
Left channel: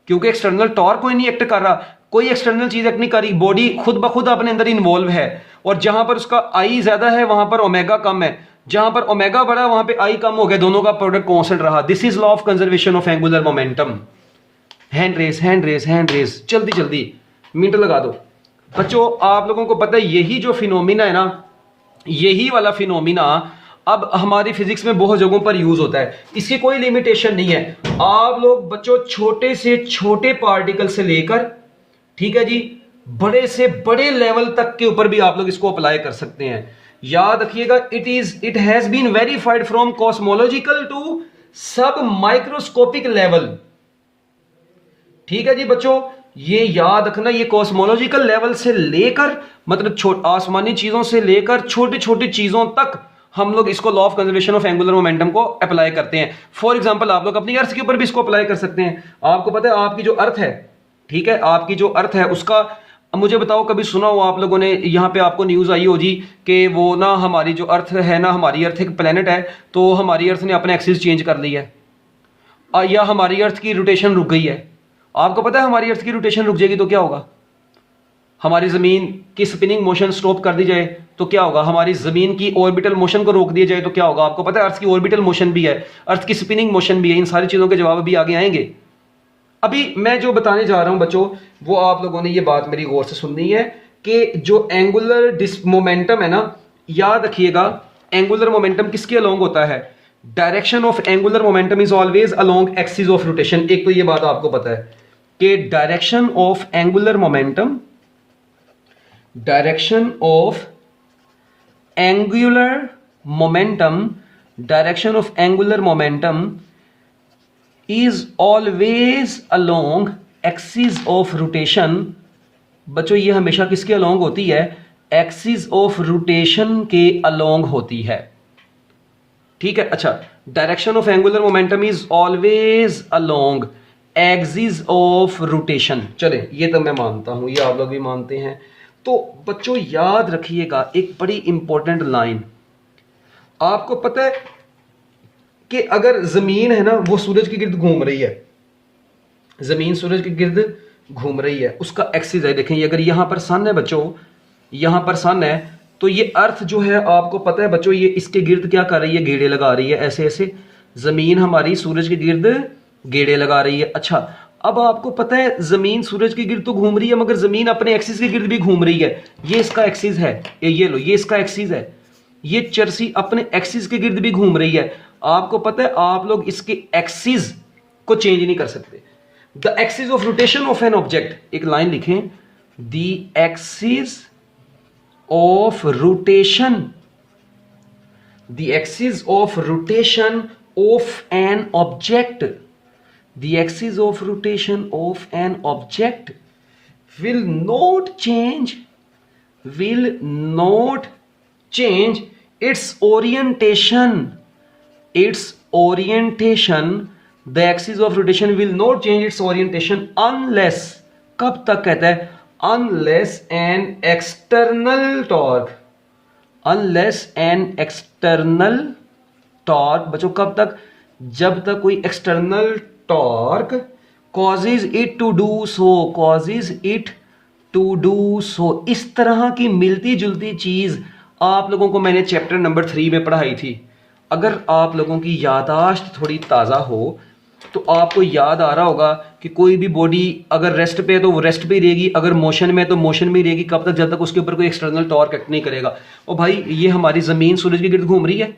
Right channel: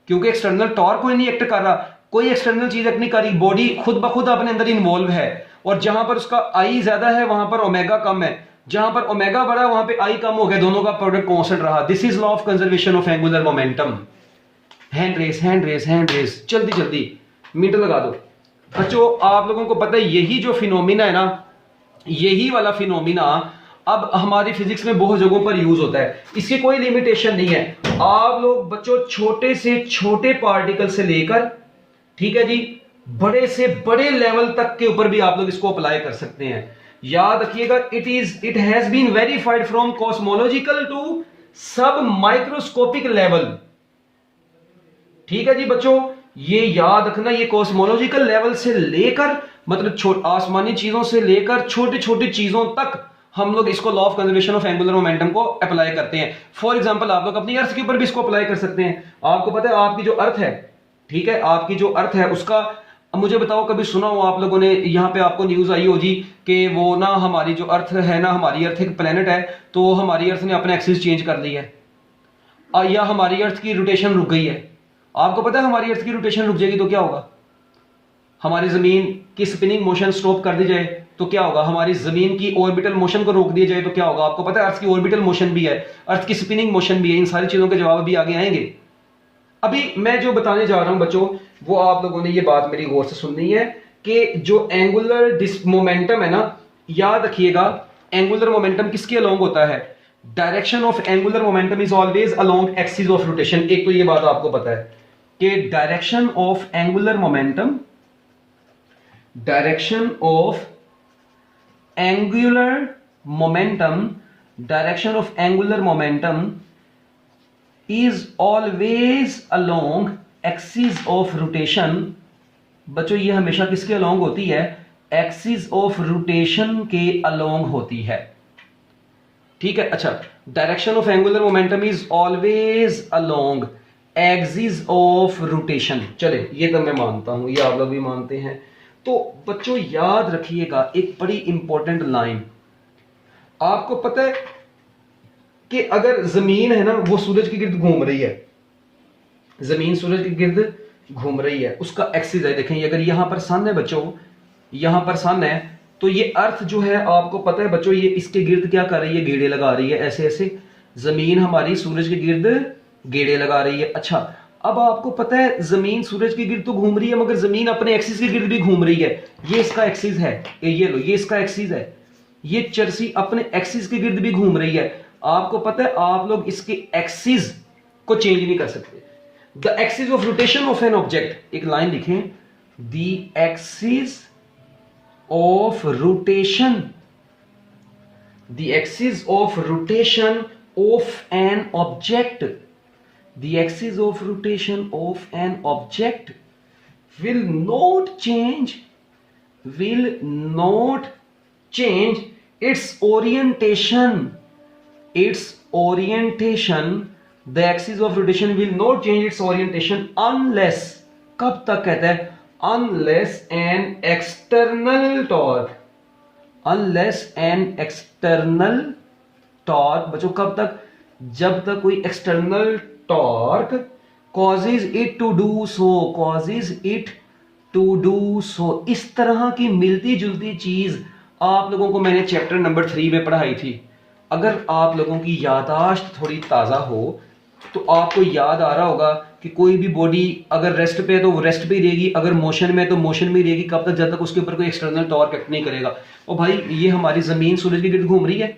क्योंकि एक्सटर्नल टॉर्क कोई नहीं एक्ट कर रहा, कोई एक्सटर्नल चीज एक्ट नहीं कर रही, बॉडी खुद ब खुद अपने अंदर इन्वॉल्व है। और जहां पर उसका आई ज्यादा है वहां पर ओमेगा कम है, जहां पर ओमेगा बढ़ा वहां पे आई कम हो गया, दोनों का प्रोडक्ट कांस्टेंट रहा। This is law of conservation of angular momentum. Hand raise hand raise hand raise, जल्दी जल्दी मिनट लगा दो। बच्चों आप लोगों को पता है यही जो फिनोमिना है ना, यही वाला फिनोमिना अब हमारी फिजिक्स में बहुत जगहों पर यूज होता है, इसकी कोई लिमिटेशन नहीं है। आप लोग बच्चों छोटे से छोटे पार्टिकल से लेकर, ठीक है जी, बड़े से बड़े लेवल तक के ऊपर भी आप लोग इसको अप्लाई कर सकते हैं। याद रखिएगा, it has been verified from cosmological to sub microscopic level. ठीक है जी बच्चों, ये याद रखना, ये कॉस्मोलॉजिकल लेवल से लेकर मतलब आसमानी चीजों से लेकर छोटी छोटी चीजों तक हम लोग इसको law of conservation of angular momentum को अप्लाई करते हैं। फॉर एग्जांपल आप लोग अपनी अर्थ के ऊपर भी इसको अप्लाई कर सकते हैं। आपको पता है आपकी जो अर्थ है, ठीक है, आपकी जो अर्थ है उसका, मुझे बताओ कभी सुना हो आप लोगों ने, यहाँ पे आपको न्यूज आई हो जी कि वो ना हमारी जो अर्थ है ना, हमारी अर्थ एक प्लेनेट है, तो हमारी अर्थ ने अपने एक्सिस चेंज कर लिया है, या हमारी अर्थ की रोटेशन रुक गई है। आपको पता है हमारी अर्थ की रोटेशन रुक जाएगी तो क्या होगा? हमारी जमीन की स्पिनिंग मोशन स्टॉप कर दी जाए तो क्या होगा? हमारी जमीन की ऑर्बिटल मोशन को रोक दिया जाए तो क्या होगा? आपको पता है अर्थ की ऑर्बिटल मोशन भी है, अर्थ की स्पिनिंग मोशन भी है। इन सारी चीजों के जवाब भी आगे आएंगे। अभी मैं जो बताने जा रहा हूं बच्चों, वो आप लोगों ने ये बात मेरी गौर से सुननी है कि जो एंगुलर मोमेंटम है ना, याद रखिएगा एंगुलर मोमेंटम किसके अलोंग होता है? Direction of angular momentum is always along axis of rotation. एक तो ये बात आपको पता है कि direction of angular momentum, direction of angular momentum, direction of angular momentum is always along axis of rotation. बच्चों ये हमेशा किसके अलोंग होती है? एक्सिस ऑफ रोटेशन के अलोंग होती है। ठीक है, अच्छा, direction of angular momentum is always along axis of rotation. चले ये तो मैं मानता हूं, ये आप लोग भी मानते हैं। तो बच्चों याद रखिएगा एक बड़ी इंपॉर्टेंट लाइन, आपको पता है कि अगर जमीन है ना वो सूरज के गिर्द घूम रही है, जमीन सूरज के गिर्द घूम रही है, उसका एक्सिस है, देखें अगर यहां पर सन है बच्चों, यहां पर सन है, तो ये अर्थ जो है आपको पता है बच्चों ये इसके गिर्द क्या कर रही है? गेड़े लगा रही है, ऐसे ऐसे जमीन हमारी सूरज के गिर्द गेड़े लगा रही है। अच्छा, अब आपको पता है जमीन सूरज के गिर्द तो घूम रही है मगर जमीन अपने एक्सिस के गिर्द भी घूम रही है। ये इसका एक्सिस है, ये लो, ये इसका एक्सिस है, ये चरसी अपने एक्सिस के गिर्द भी घूम रही है। आपको पता है आप लोग इसके एक्सिस को चेंज नहीं कर सकते। The axis of rotation of an object, एक लाइन लिखें, the axis of rotation, the axis of rotation of an object, the axis of rotation of an object will not change its orientation. The axis of rotation will not change its orientation unless, कब तक कहता है? unless an external torque, unless an external torque बच्चों कब तक, जब तक कोई external torque causes it to do so, causes it to do so, इस तरह की मिलती जुलती चीज आप लोगों को मैंने चैप्टर नंबर 3 में पढ़ाई थी। अगर आप लोगों की याददाश्त थोड़ी ताज़ा हो तो आपको याद आ रहा होगा कि कोई भी बॉडी अगर रेस्ट पे है तो वो रेस्ट पे ही रहेगी, अगर मोशन में है तो मोशन में ही रहेगी। कब तक, जब तक उसके ऊपर कोई एक्सटर्नल टॉर्क एक्ट नहीं करेगा। और भाई ये हमारी ज़मीन सूरज के गिर्द घूम रही है,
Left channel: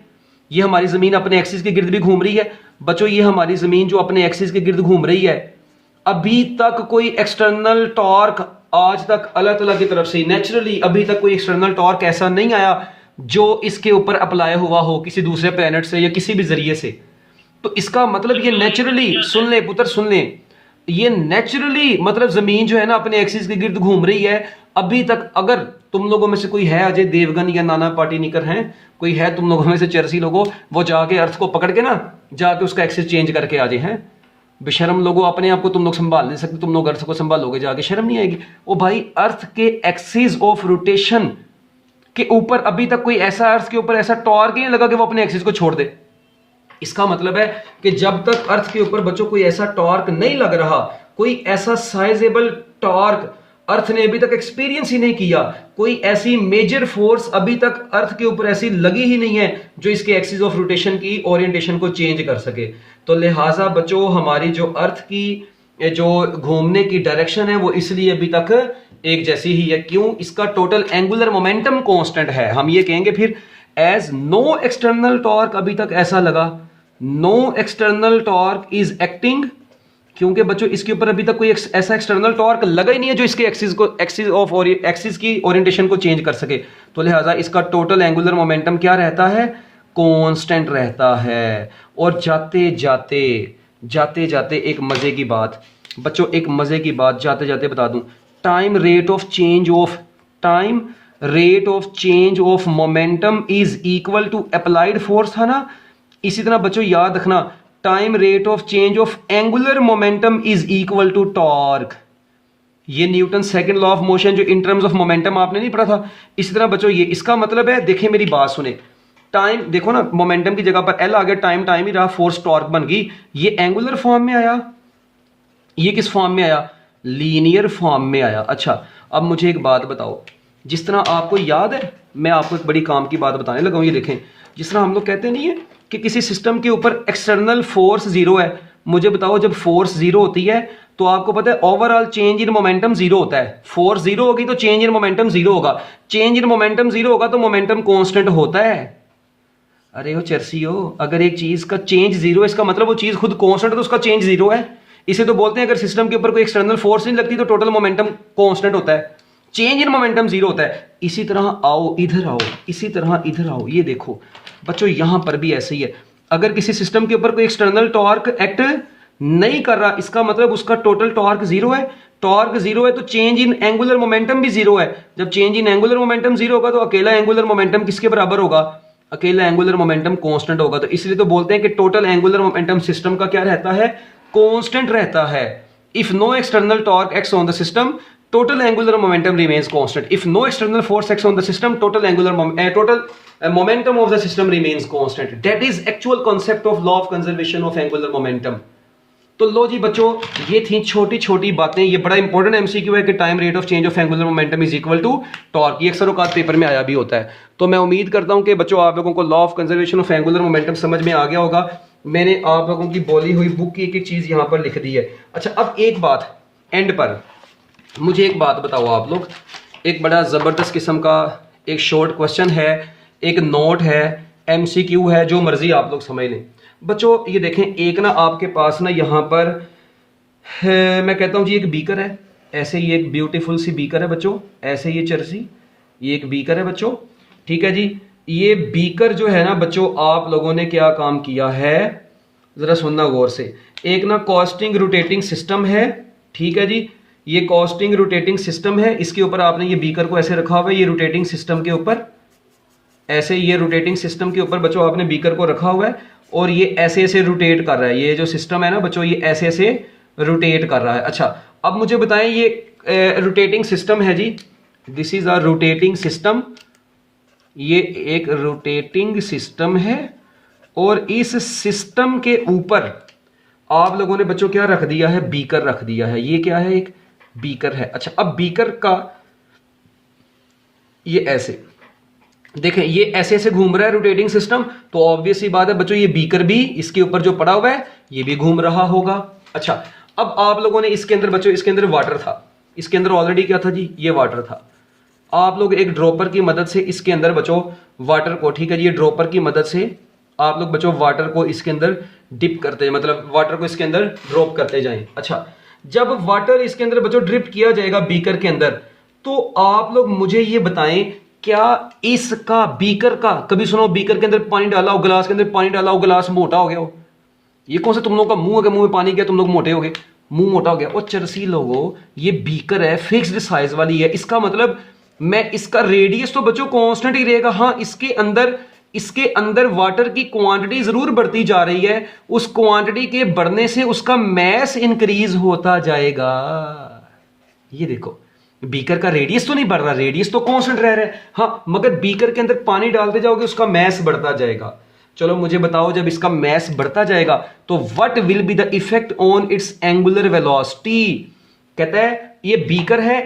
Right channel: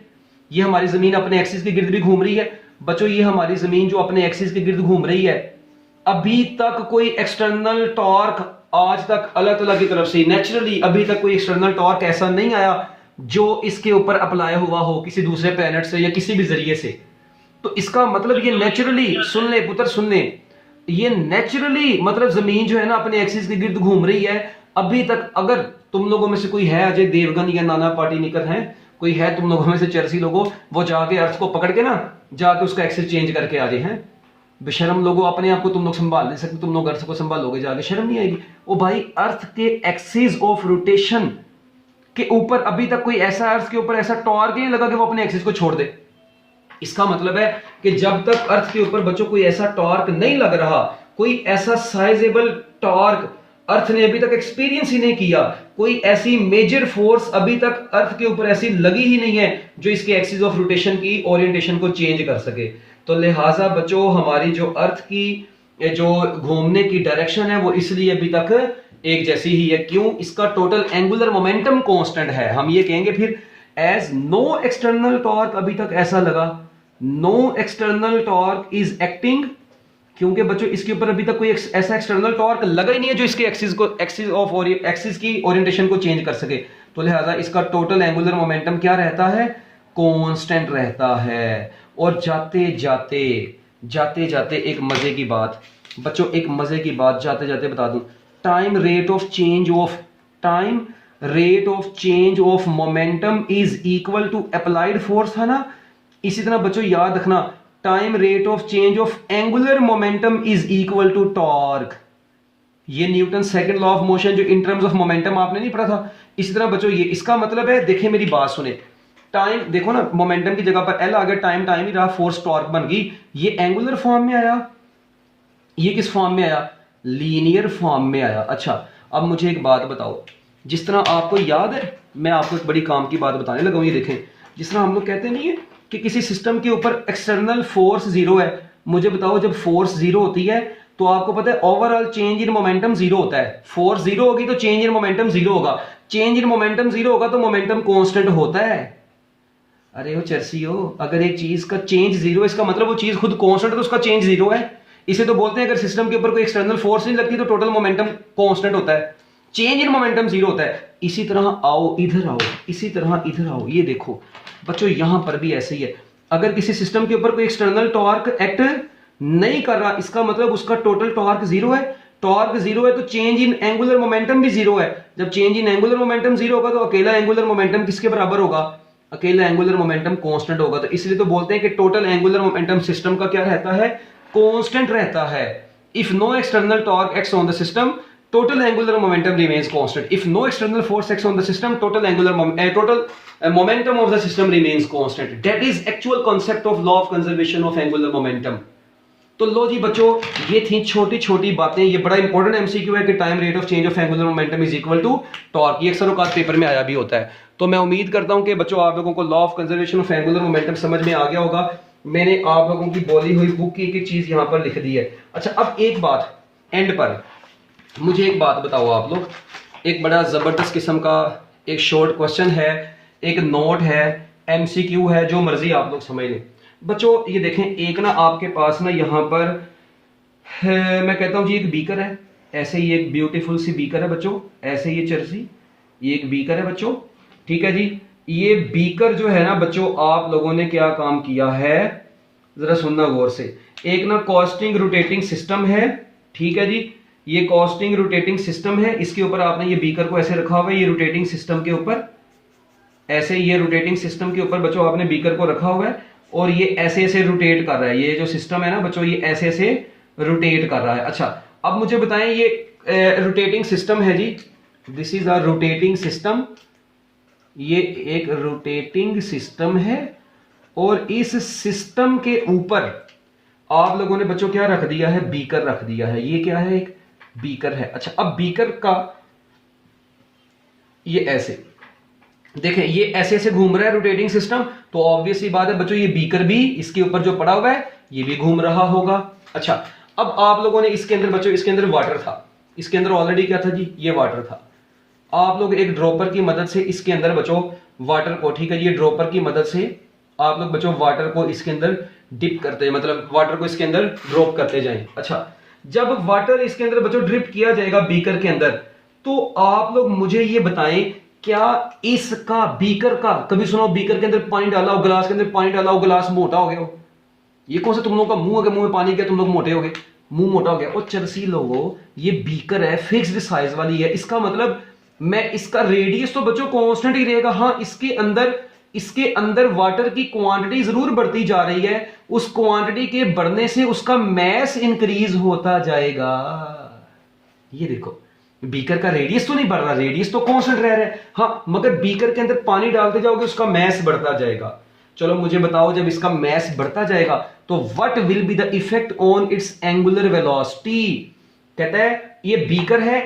ये हमारी ज़मीन अपने एक्सिस के गिर्द भी घूम रही है। बच्चों ये हमारी ज़मीन जो अपने एक्सिस के गिर्द घूम रही है, अभी तक कोई एक्सटर्नल टॉर्क आज तक अल्लाह ताला की तरफ से नेचुरली अभी तक कोई एक्सटर्नल टॉर्क ऐसा नहीं आया जो इसके ऊपर अप्लाई हुआ हो किसी दूसरे प्लेनेट से या किसी भी जरिए से। तो इसका मतलब ये नेचुरली, सुन ले पुत्र सुन ले, ये नेचुरली मतलब जमीन जो है ना अपने एक्सिस के गिर्द घूम रही है अभी तक। अगर तुम लोगों में से कोई है अजय देवगन या नाना पाटेकरकर हैं, कोई है तुम लोगों में से चर्सी लोगों, वो जाके अर्थ को पकड़ के ना जाके उसका एक्सिस चेंज करके आ जाए। हैं बेशरम लोगों, अपने आप को तुम लोग संभाल नहीं सकते, तुम लोग अर्थ को संभालोगे जाके, शर्म नहीं आएगी? ओ भाई अर्थ के एक्सिस ऑफ रोटेशन के ऊपर अभी तक कोई ऐसा अर्थ के ऊपर ऐसा टॉर्क नहीं लगा कि वो अपने एक्सिस को छोड़ दे। इसका मतलब है कि जब तक अर्थ के ऊपर बच्चों कोई ऐसा टॉर्क नहीं लग रहा, कोई ऐसा साइजेबल टॉर्क अर्थ ने अभी तक एक्सपीरियंस ही नहीं किया, कोई ऐसी मेजर फोर्स अभी तक अर्थ के ऊपर ऐसी लगी ही नहीं है जो इसके एक्सिस ऑफ रोटेशन की ओरिएंटेशन को चेंज कर सके। तो लिहाजा बच्चों हमारी जो अर्थ की जो घूमने की डायरेक्शन है वो इसलिए अभी तक एक जैसी ही है। क्यों? इसका टोटल एंगुलर मोमेंटम कांस्टेंट है। हम ये कहेंगे फिर एज नो एक्सटर्नल टॉर्क, अभी तक ऐसा लगा no external torque is acting, क्योंकि बच्चों इसके ऊपर अभी तक कोई ऐसा एक्सटर्नल टॉर्क लगा ही नहीं है जो इसके एक्सिस की ओरिएंटेशन को चेंज कर सके। तो लिहाजा इसका टोटल एंगुलर मोमेंटम क्या रहता है? कांस्टेंट रहता है। और जाते जाते एक मजे की बात बच्चों, एक मजे की बात जाते जाते बता दूं, time rate of change of momentum is equal to applied force था ना। इसी तरह बच्चों याद रखना time rate of change of angular momentum is equal to torque. ये Newton second law of motion जो इन टर्म्स ऑफ मोमेंटम आपने नहीं पढ़ा था। इसी तरह बच्चों ये इसका मतलब है, देखें मेरी बात सुने, टाइम देखो ना, मोमेंटम की जगह पर एल आ गया, टाइम ही रहा, फोर्स टॉर्क बन गई। ये एंगुलर फॉर्म में आया, ये किस फॉर्म में आया? लीनियर फॉर्म में आया। अच्छा अब मुझे एक बात बताओ, जिस तरह आपको याद है, मैं आपको एक बड़ी काम की बात बताने लगा हूं। ये देखें, जिस तरह हम लोग कहते नहीं है कि किसी सिस्टम के ऊपर एक्सटर्नल फोर्स जीरो है, मुझे बताओ जब फोर्स जीरो होती है तो आपको पता है overall change in momentum zero होता है। फोर्स जीरो होगी तो चेंज इन मोमेंटम जीरो होगा, चेंज इन मोमेंटम जीरो होगा तो मोमेंटम कांस्टेंट होता है। अरे वो चर्सी हो, अगर एक चीज का चेंज जीरो है इसका मतलब वो चीज खुद कांस्टेंट है तो उसका चेंज जीरो है। इसे तो बोलते हैं अगर सिस्टम के ऊपर कोई एक्सटर्नल फोर्स नहीं लगती तो टोटल मोमेंटम कांस्टेंट होता है, चेंज इन मोमेंटम जीरो होता है। इसी तरह आओ इधर आओ, इसी तरह इधर आओ, ये देखो बच्चों यहां पर भी ऐसे ही है। अगर किसी सिस्टम के ऊपर कोई एक्सटर्नल टॉर्क एक्ट नहीं कर रहा, इसका मतलब उसका टोटल टॉर्क जीरो है। टॉर्क जीरो है तो चेंज इन एंगुलर मोमेंटम भी जीरो है। जब change in angular momentum zero होगा तो अकेला एंगुलर मोमेंटम किसके बराबर होगा? अकेला एंगुलर मोमेंटम कांस्टेंट होगा। तो इसलिए तो बोलते हैं कि टोटल एंगुलर मोमेंटम सिस्टम का क्या रहता है? कांस्टेंट रहता है। If no external torque acts on the system, total angular momentum remains constant. If no external force acts on the system, total momentum of the system remains constant. That is actual concept of law of conservation of angular momentum. तो लो जी बच्चों, ये थी छोटी छोटी बातें। ये बड़ा इंपॉर्टेंट एमसीक्यू है कि time rate of change of angular momentum is equal to torque. ये अक्सर औकात पेपर में आया भी होता है। तो मैं उम्मीद करता हूं कि बच्चों आप लोगों को law of conservation of angular momentum समझ में आ गया होगा। मैंने आप लोगों की बोली हुई बुक की एक चीज यहां पर लिख दी है। अच्छा अब एक बात एंड पर मुझे एक बात बताओ आप लोग, एक बड़ा ज़बरदस्त किस्म का एक शॉर्ट क्वेश्चन है, एक नोट है, एमसीक्यू है, जो मर्जी आप लोग समझ लें। बच्चों ये देखें, एक ना आपके पास ना यहाँ पर है, मैं कहता हूँ जी एक बीकर है, ऐसे ही एक ब्यूटीफुल सी बीकर है बच्चों, ऐसे ये चर्सी, ये एक बीकर है बच्चों, ठीक है जी। ये बीकर जो है ना बच्चों, आप लोगों ने क्या काम किया है ज़रा सुनना गौर से। एक ना कॉस्टिंग रोटेटिंग सिस्टम है, ठीक है जी, ये कॉस्टिंग रोटेटिंग सिस्टम है। इसके ऊपर आपने ये बीकर को ऐसे रखा हुआ है, ये रोटेटिंग सिस्टम के ऊपर ऐसे, ये रोटेटिंग सिस्टम के ऊपर बच्चों आपने बीकर को रखा हुआ है और ये ऐसे ऐसे रोटेट कर रहा है। ये जो सिस्टम है ना बच्चों, ये ऐसे ऐसे रोटेट कर रहा है। अच्छा अब मुझे बताएं, ये रोटेटिंग सिस्टम है जी, this is a rotating system, ये एक रोटेटिंग सिस्टम है और इस सिस्टम के ऊपर आप लोगों ने बच्चों क्या रख दिया है, बीकर रख दिया है। ये क्या है, एक बीकर है। अच्छा, अब बीकर का ये ऐसे देखें, ये ऐसे ऐसे घूम रहा है रोटेटिंग सिस्टम, तो ऑब्वियस सी बात है बच्चों ये बीकर भी इसके ऊपर जो पड़ा हुआ है ये भी घूम रहा होगा। अच्छा, अब आप लोगों ने इसके अंदर बच्चों, इसके अंदर वाटर था, इसके अंदर ऑलरेडी क्या था जी, ये वाटर था। आप लोग एक ड्रॉपर की मदद से इसके अंदर बच्चों वाटर को, ठीक है जी, ये ड्रॉपर की मदद से आप लोग बच्चों वाटर को इसके अंदर डिप करते हैं, मतलब वाटर को इसके अंदर ड्रॉप करते जाएं। अच्छा, जब वाटर इसके अंदर बच्चों ड्रिप किया जाएगा बीकर के अंदर, तो आप लोग मुझे ये बताएं क्या इसका बीकर का, कभी सुनो बीकर के अंदर पानी डाला हो, गिलास के अंदर पानी डाला हो, गिलास मोटा हो गया हो? ये कौन सा तुम लोगों का मुंह है, मुंह में पानी गया तुम लोग मोटे हो गए, मुंह मोटा हो गया? और चरसी लोगों, ये बीकर है, फिक्स्ड साइज वाली है, इसका मतलब मैं इसका रेडियस तो बच्चों कांस्टेंट ही रहेगा। हाँ, इसके अंदर वाटर की क्वांटिटी जरूर बढ़ती जा रही है, उस क्वांटिटी के बढ़ने से उसका मैस इंक्रीज होता जाएगा। ये देखो, बीकर का रेडियस तो नहीं बढ़ रहा, रेडियस तो कांस्टेंट रह रहा है। हाँ, मगर बीकर के अंदर पानी डालते जाओगे उसका मैस बढ़ता जाएगा। चलो मुझे बताओ, जब इसका मैस बढ़ता जाएगा तो what will be the effect on it's angular velocity? कहता है ये बीकर है,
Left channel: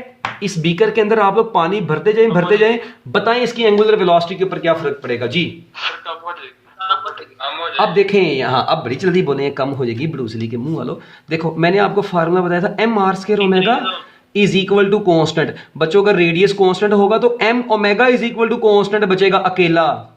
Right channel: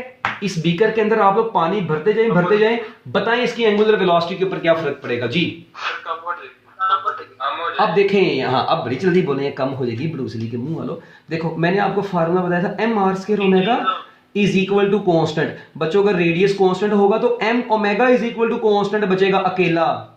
इस बीकर के अंदर आप लोग पानी भरते जाएं, बताएं इसकी एंगुलर वेलोसिटी के ऊपर क्या फर्क पड़ेगा जी? कम हो जाएगी। अब देखें यहाँ, अब बड़ी जल्दी बोले कम हो जाएगी, ब्रूसली के मुंह वालों। देखो मैंने आपको फार्मूला बताया था, M R square omega is equal to constant. बच्चों अगर रेडियस कांस्टेंट होगा तो M omega is equal to constant बचेगा अकेला,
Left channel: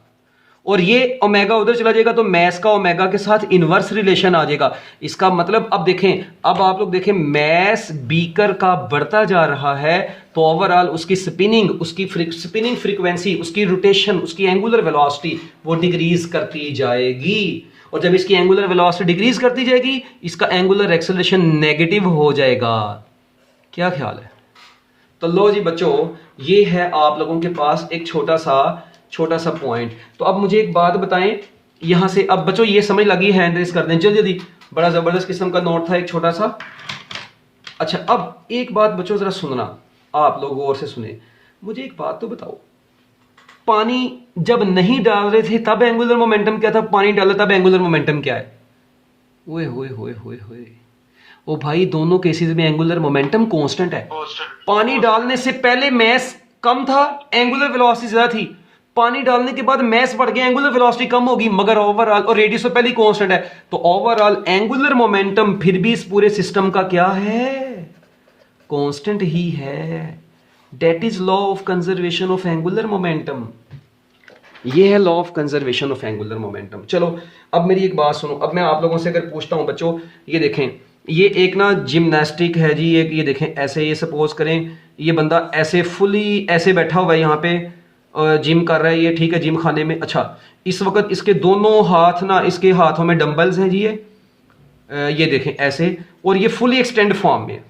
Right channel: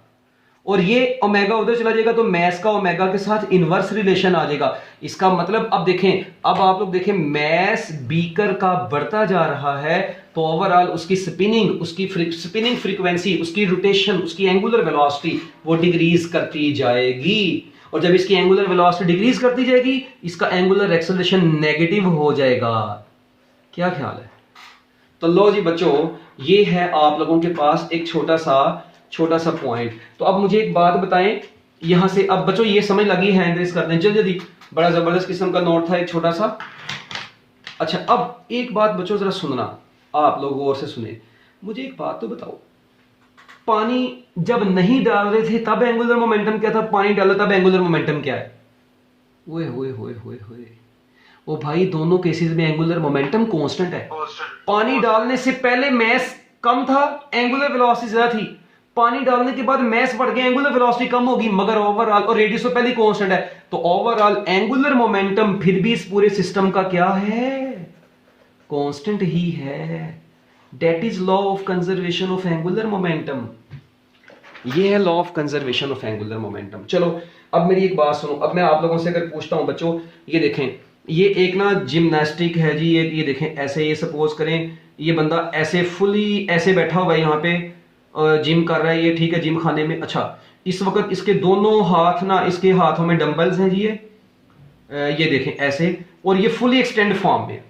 और ये ओमेगा उधर चला जाएगा तो मैस का ओमेगा के साथ इनवर्स रिलेशन आ जाएगा। इसका मतलब अब देखें, अब आप लोग देखें मैस बीकर का बढ़ता जा रहा है तो ओवरऑल उसकी स्पिनिंग, उसकी स्पिनिंग फ्रीक्वेंसी, उसकी रोटेशन, उसकी एंगुलर वेलोसिटी वो डिक्रीज करती जाएगी। और जब इसकी एंगुलर वेलोसिटी डिक्रीज करती जाएगी, इसका एंगुलर एक्सेलरेशन नेगेटिव हो जाएगा। क्या ख्याल है? तो लो जी बच्चों, ये है आप लोगों के पास एक छोटा सा पॉइंट। तो अब मुझे एक बात बताएं यहां से, अब बच्चों ये समझ लगी, हैंड रेस कर दें जल्दी, बड़ा जबरदस्त किस्म का नोट था एक छोटा सा। अच्छा, अब एक बात बच्चों जरा सुनना, आप लोग गौर से सुने, मुझे एक बात तो बताओ, पानी जब नहीं डाल रहे थे तब एंगुलर मोमेंटम क्या था, पानी डाला तब एंगुलर मोमेंटम क्या है? ओए होए होए होए होए, ओ भाई दोनों केसेस में एंगुलर मोमेंटम कांस्टेंट है। पानी डालने से पहले मैस कम था, एंगुलर वेलोसिटी ज्यादा थी, पानी डालने के बाद मैस बढ़ गया, एंगुलर वेलोसिटी कम होगी, मगर ओवरऑल, और रेडियस तो पहले ही कांस्टेंट है, तो ओवरऑल एंगुलर मोमेंटम फिर भी इस पूरे सिस्टम का क्या है? कांस्टेंट ही है। That is law of conservation of angular momentum. ये है law of conservation of angular momentum. चलो अब मेरी एक बात सुनो, अब मैं आप लोगों से अगर पूछता हूं बच्चों, ये देखें, ये एक ना जिम्नास्टिक है जी, एक ये देखें ऐसे, ये सपोज करें ये बंदा ऐसे फुली ऐसे बैठा हुआ है यहाँ पे, जिम कर रहा है ये, ठीक है, जिम खाने में। अच्छा, इस वक्त इसके दोनों हाथ ना, इसके हाथों में डंबल्स हैं जी, ये देखें ऐसे, और ये फुली एक्सटेंड फॉर्म में।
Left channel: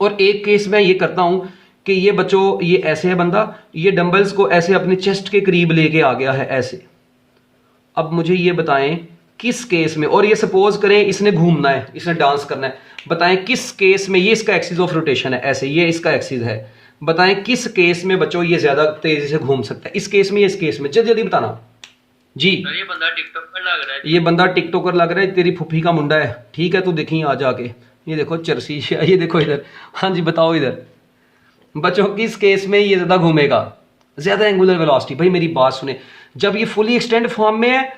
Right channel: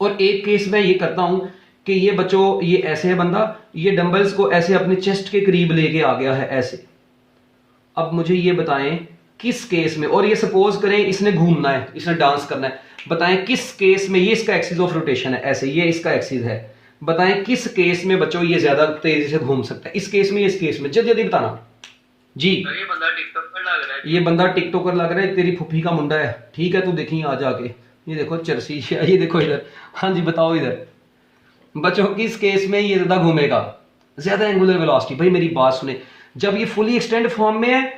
और एक केस में ये करता हूं कि ये बच्चों, ये ऐसे है बंदा, ये डंबल्स को ऐसे अपने चेस्ट के करीब लेके आ गया है ऐसे। अब मुझे ये बताएं किस केस में, और ये सपोज करें इसने घूमना है, इसने डांस करना है, बताएं किस केस में, ये इसका एक्सिस ऑफ रोटेशन है ऐसे, ये इसका एक्सिस है, बताएं किस केस में बच्चों ये ज्यादा तेजी से घूम सकता है, इस केस में, इस केस में, जल्दी जल्दी बताना जी। ये बंदा टिकटॉकर लग रहा है, ये बंदा टिकटॉकर लग रहा है, तेरी फुफी का मुंडा है, ठीक है, तू देखी आ जाके, ये देखो चरसी, ये देखो इधर, हाँ जी बताओ इधर बच्चों किस केस में ये ज्यादा घूमेगा, ज्यादा एंगुलर वेलोसिटी? भाई मेरी बात सुने, जब ये फुली एक्सटेंड फॉर्म में है,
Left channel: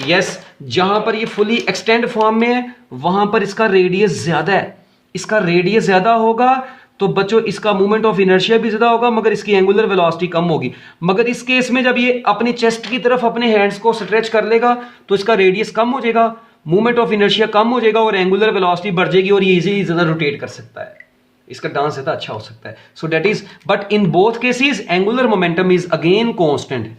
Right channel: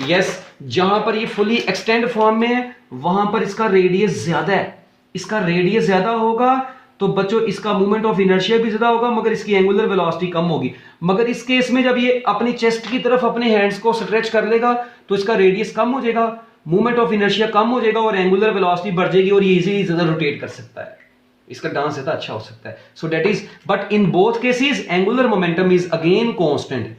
यस, जहां पर ये फुली एक्सटेंड फॉर्म में है वहां पर इसका रेडियस ज्यादा है, इसका रेडियस ज्यादा होगा तो बच्चों इसका मूवमेंट ऑफ इनर्शिया भी ज्यादा होगा, मगर इसकी एंगुलर वेलोसिटी कम होगी। मगर इस केस में जब ये अपनी चेस्ट की तरफ अपने हैंड्स को स्ट्रेच कर लेगा तो इसका रेडियस कम हो जाएगा, मूवमेंट ऑफ इनर्शिया कम हो जाएगा और एंगुलर वेलोसिटी बढ़ जाएगी और ये इजीली ज्यादा रोटेट कर सकता है, इसका डांस ज्यादा अच्छा हो सकता है। So that is, but in both cases angular momentum is again constant.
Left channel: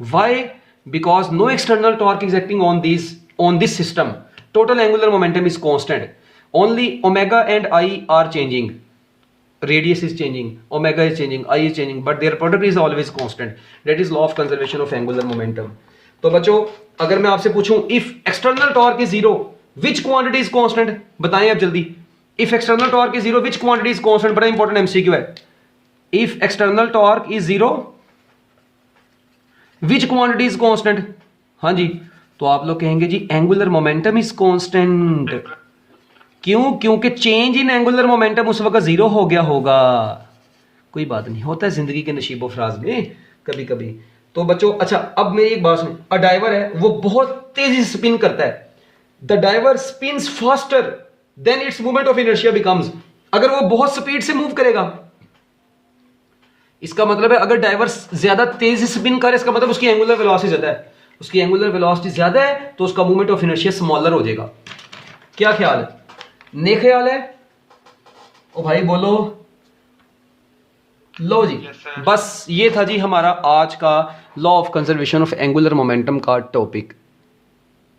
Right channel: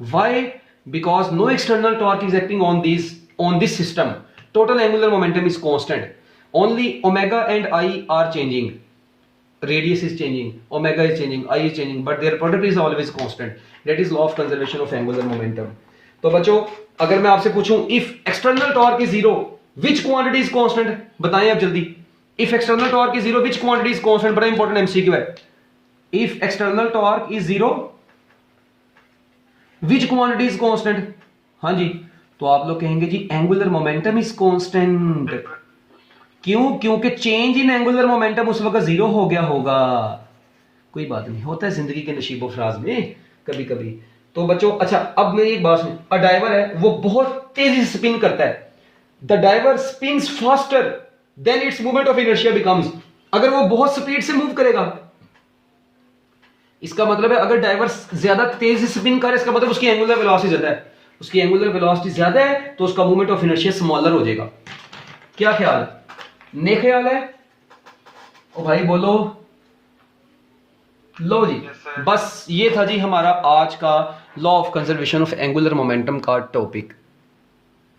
Why? Because no external torque is acting on this system. Total angular momentum is constant. Only omega and I are changing. Radius is changing, omega is changing, I is changing, but their product is always constant. That is law of conservation of angular momentum. तो बच्चों अगर मैं आपसे पूछूं if external torque is zero, which quantity is constant? बताएं आप जल्दी, if external torque is zero which quantity is constant, बड़ा इंपॉर्टेंट एमसीक्यू है। If external torque is zero which quantity is constant, हाँ जी, तो आप लोग कहेंगे जी एंगुलर मोमेंटम इज कांस्टेंट। क्यों? क्योंकि चेंज इन एंगुलर मोमेंटम उस वक्त जीरो हो गया होगा। कोई बात नहीं, होता है जिंदगी के नशीबो फराज में कभी कभी। तो बच्चों अच्छा, अब मेरी एक बात सुन, अ डाइवर है वो बहुत तेजी से स्पिन करता है, the diver spins faster than its movement of inertia becomes. अगर वो बहुत स्पीड से मूव करेगा, इसका मतलब है अगर डाइवर ज्यादा तेज से स्पिन करे, इसका मतलब उसकी एंगुलर वेलोसिटी ज्यादा है, उसकी एंगुलर वेलोसिटी ज्यादा है तो उसका मूवमेंट ऑफ इनर्शिया स्मॉलर हो जाएगा। क्या ख्याल है? ने ख्याल है? ओ भाई बोलो। लो जी, बस ये था जी हमारा आज का law of conservation of angular momentum का टॉपिक।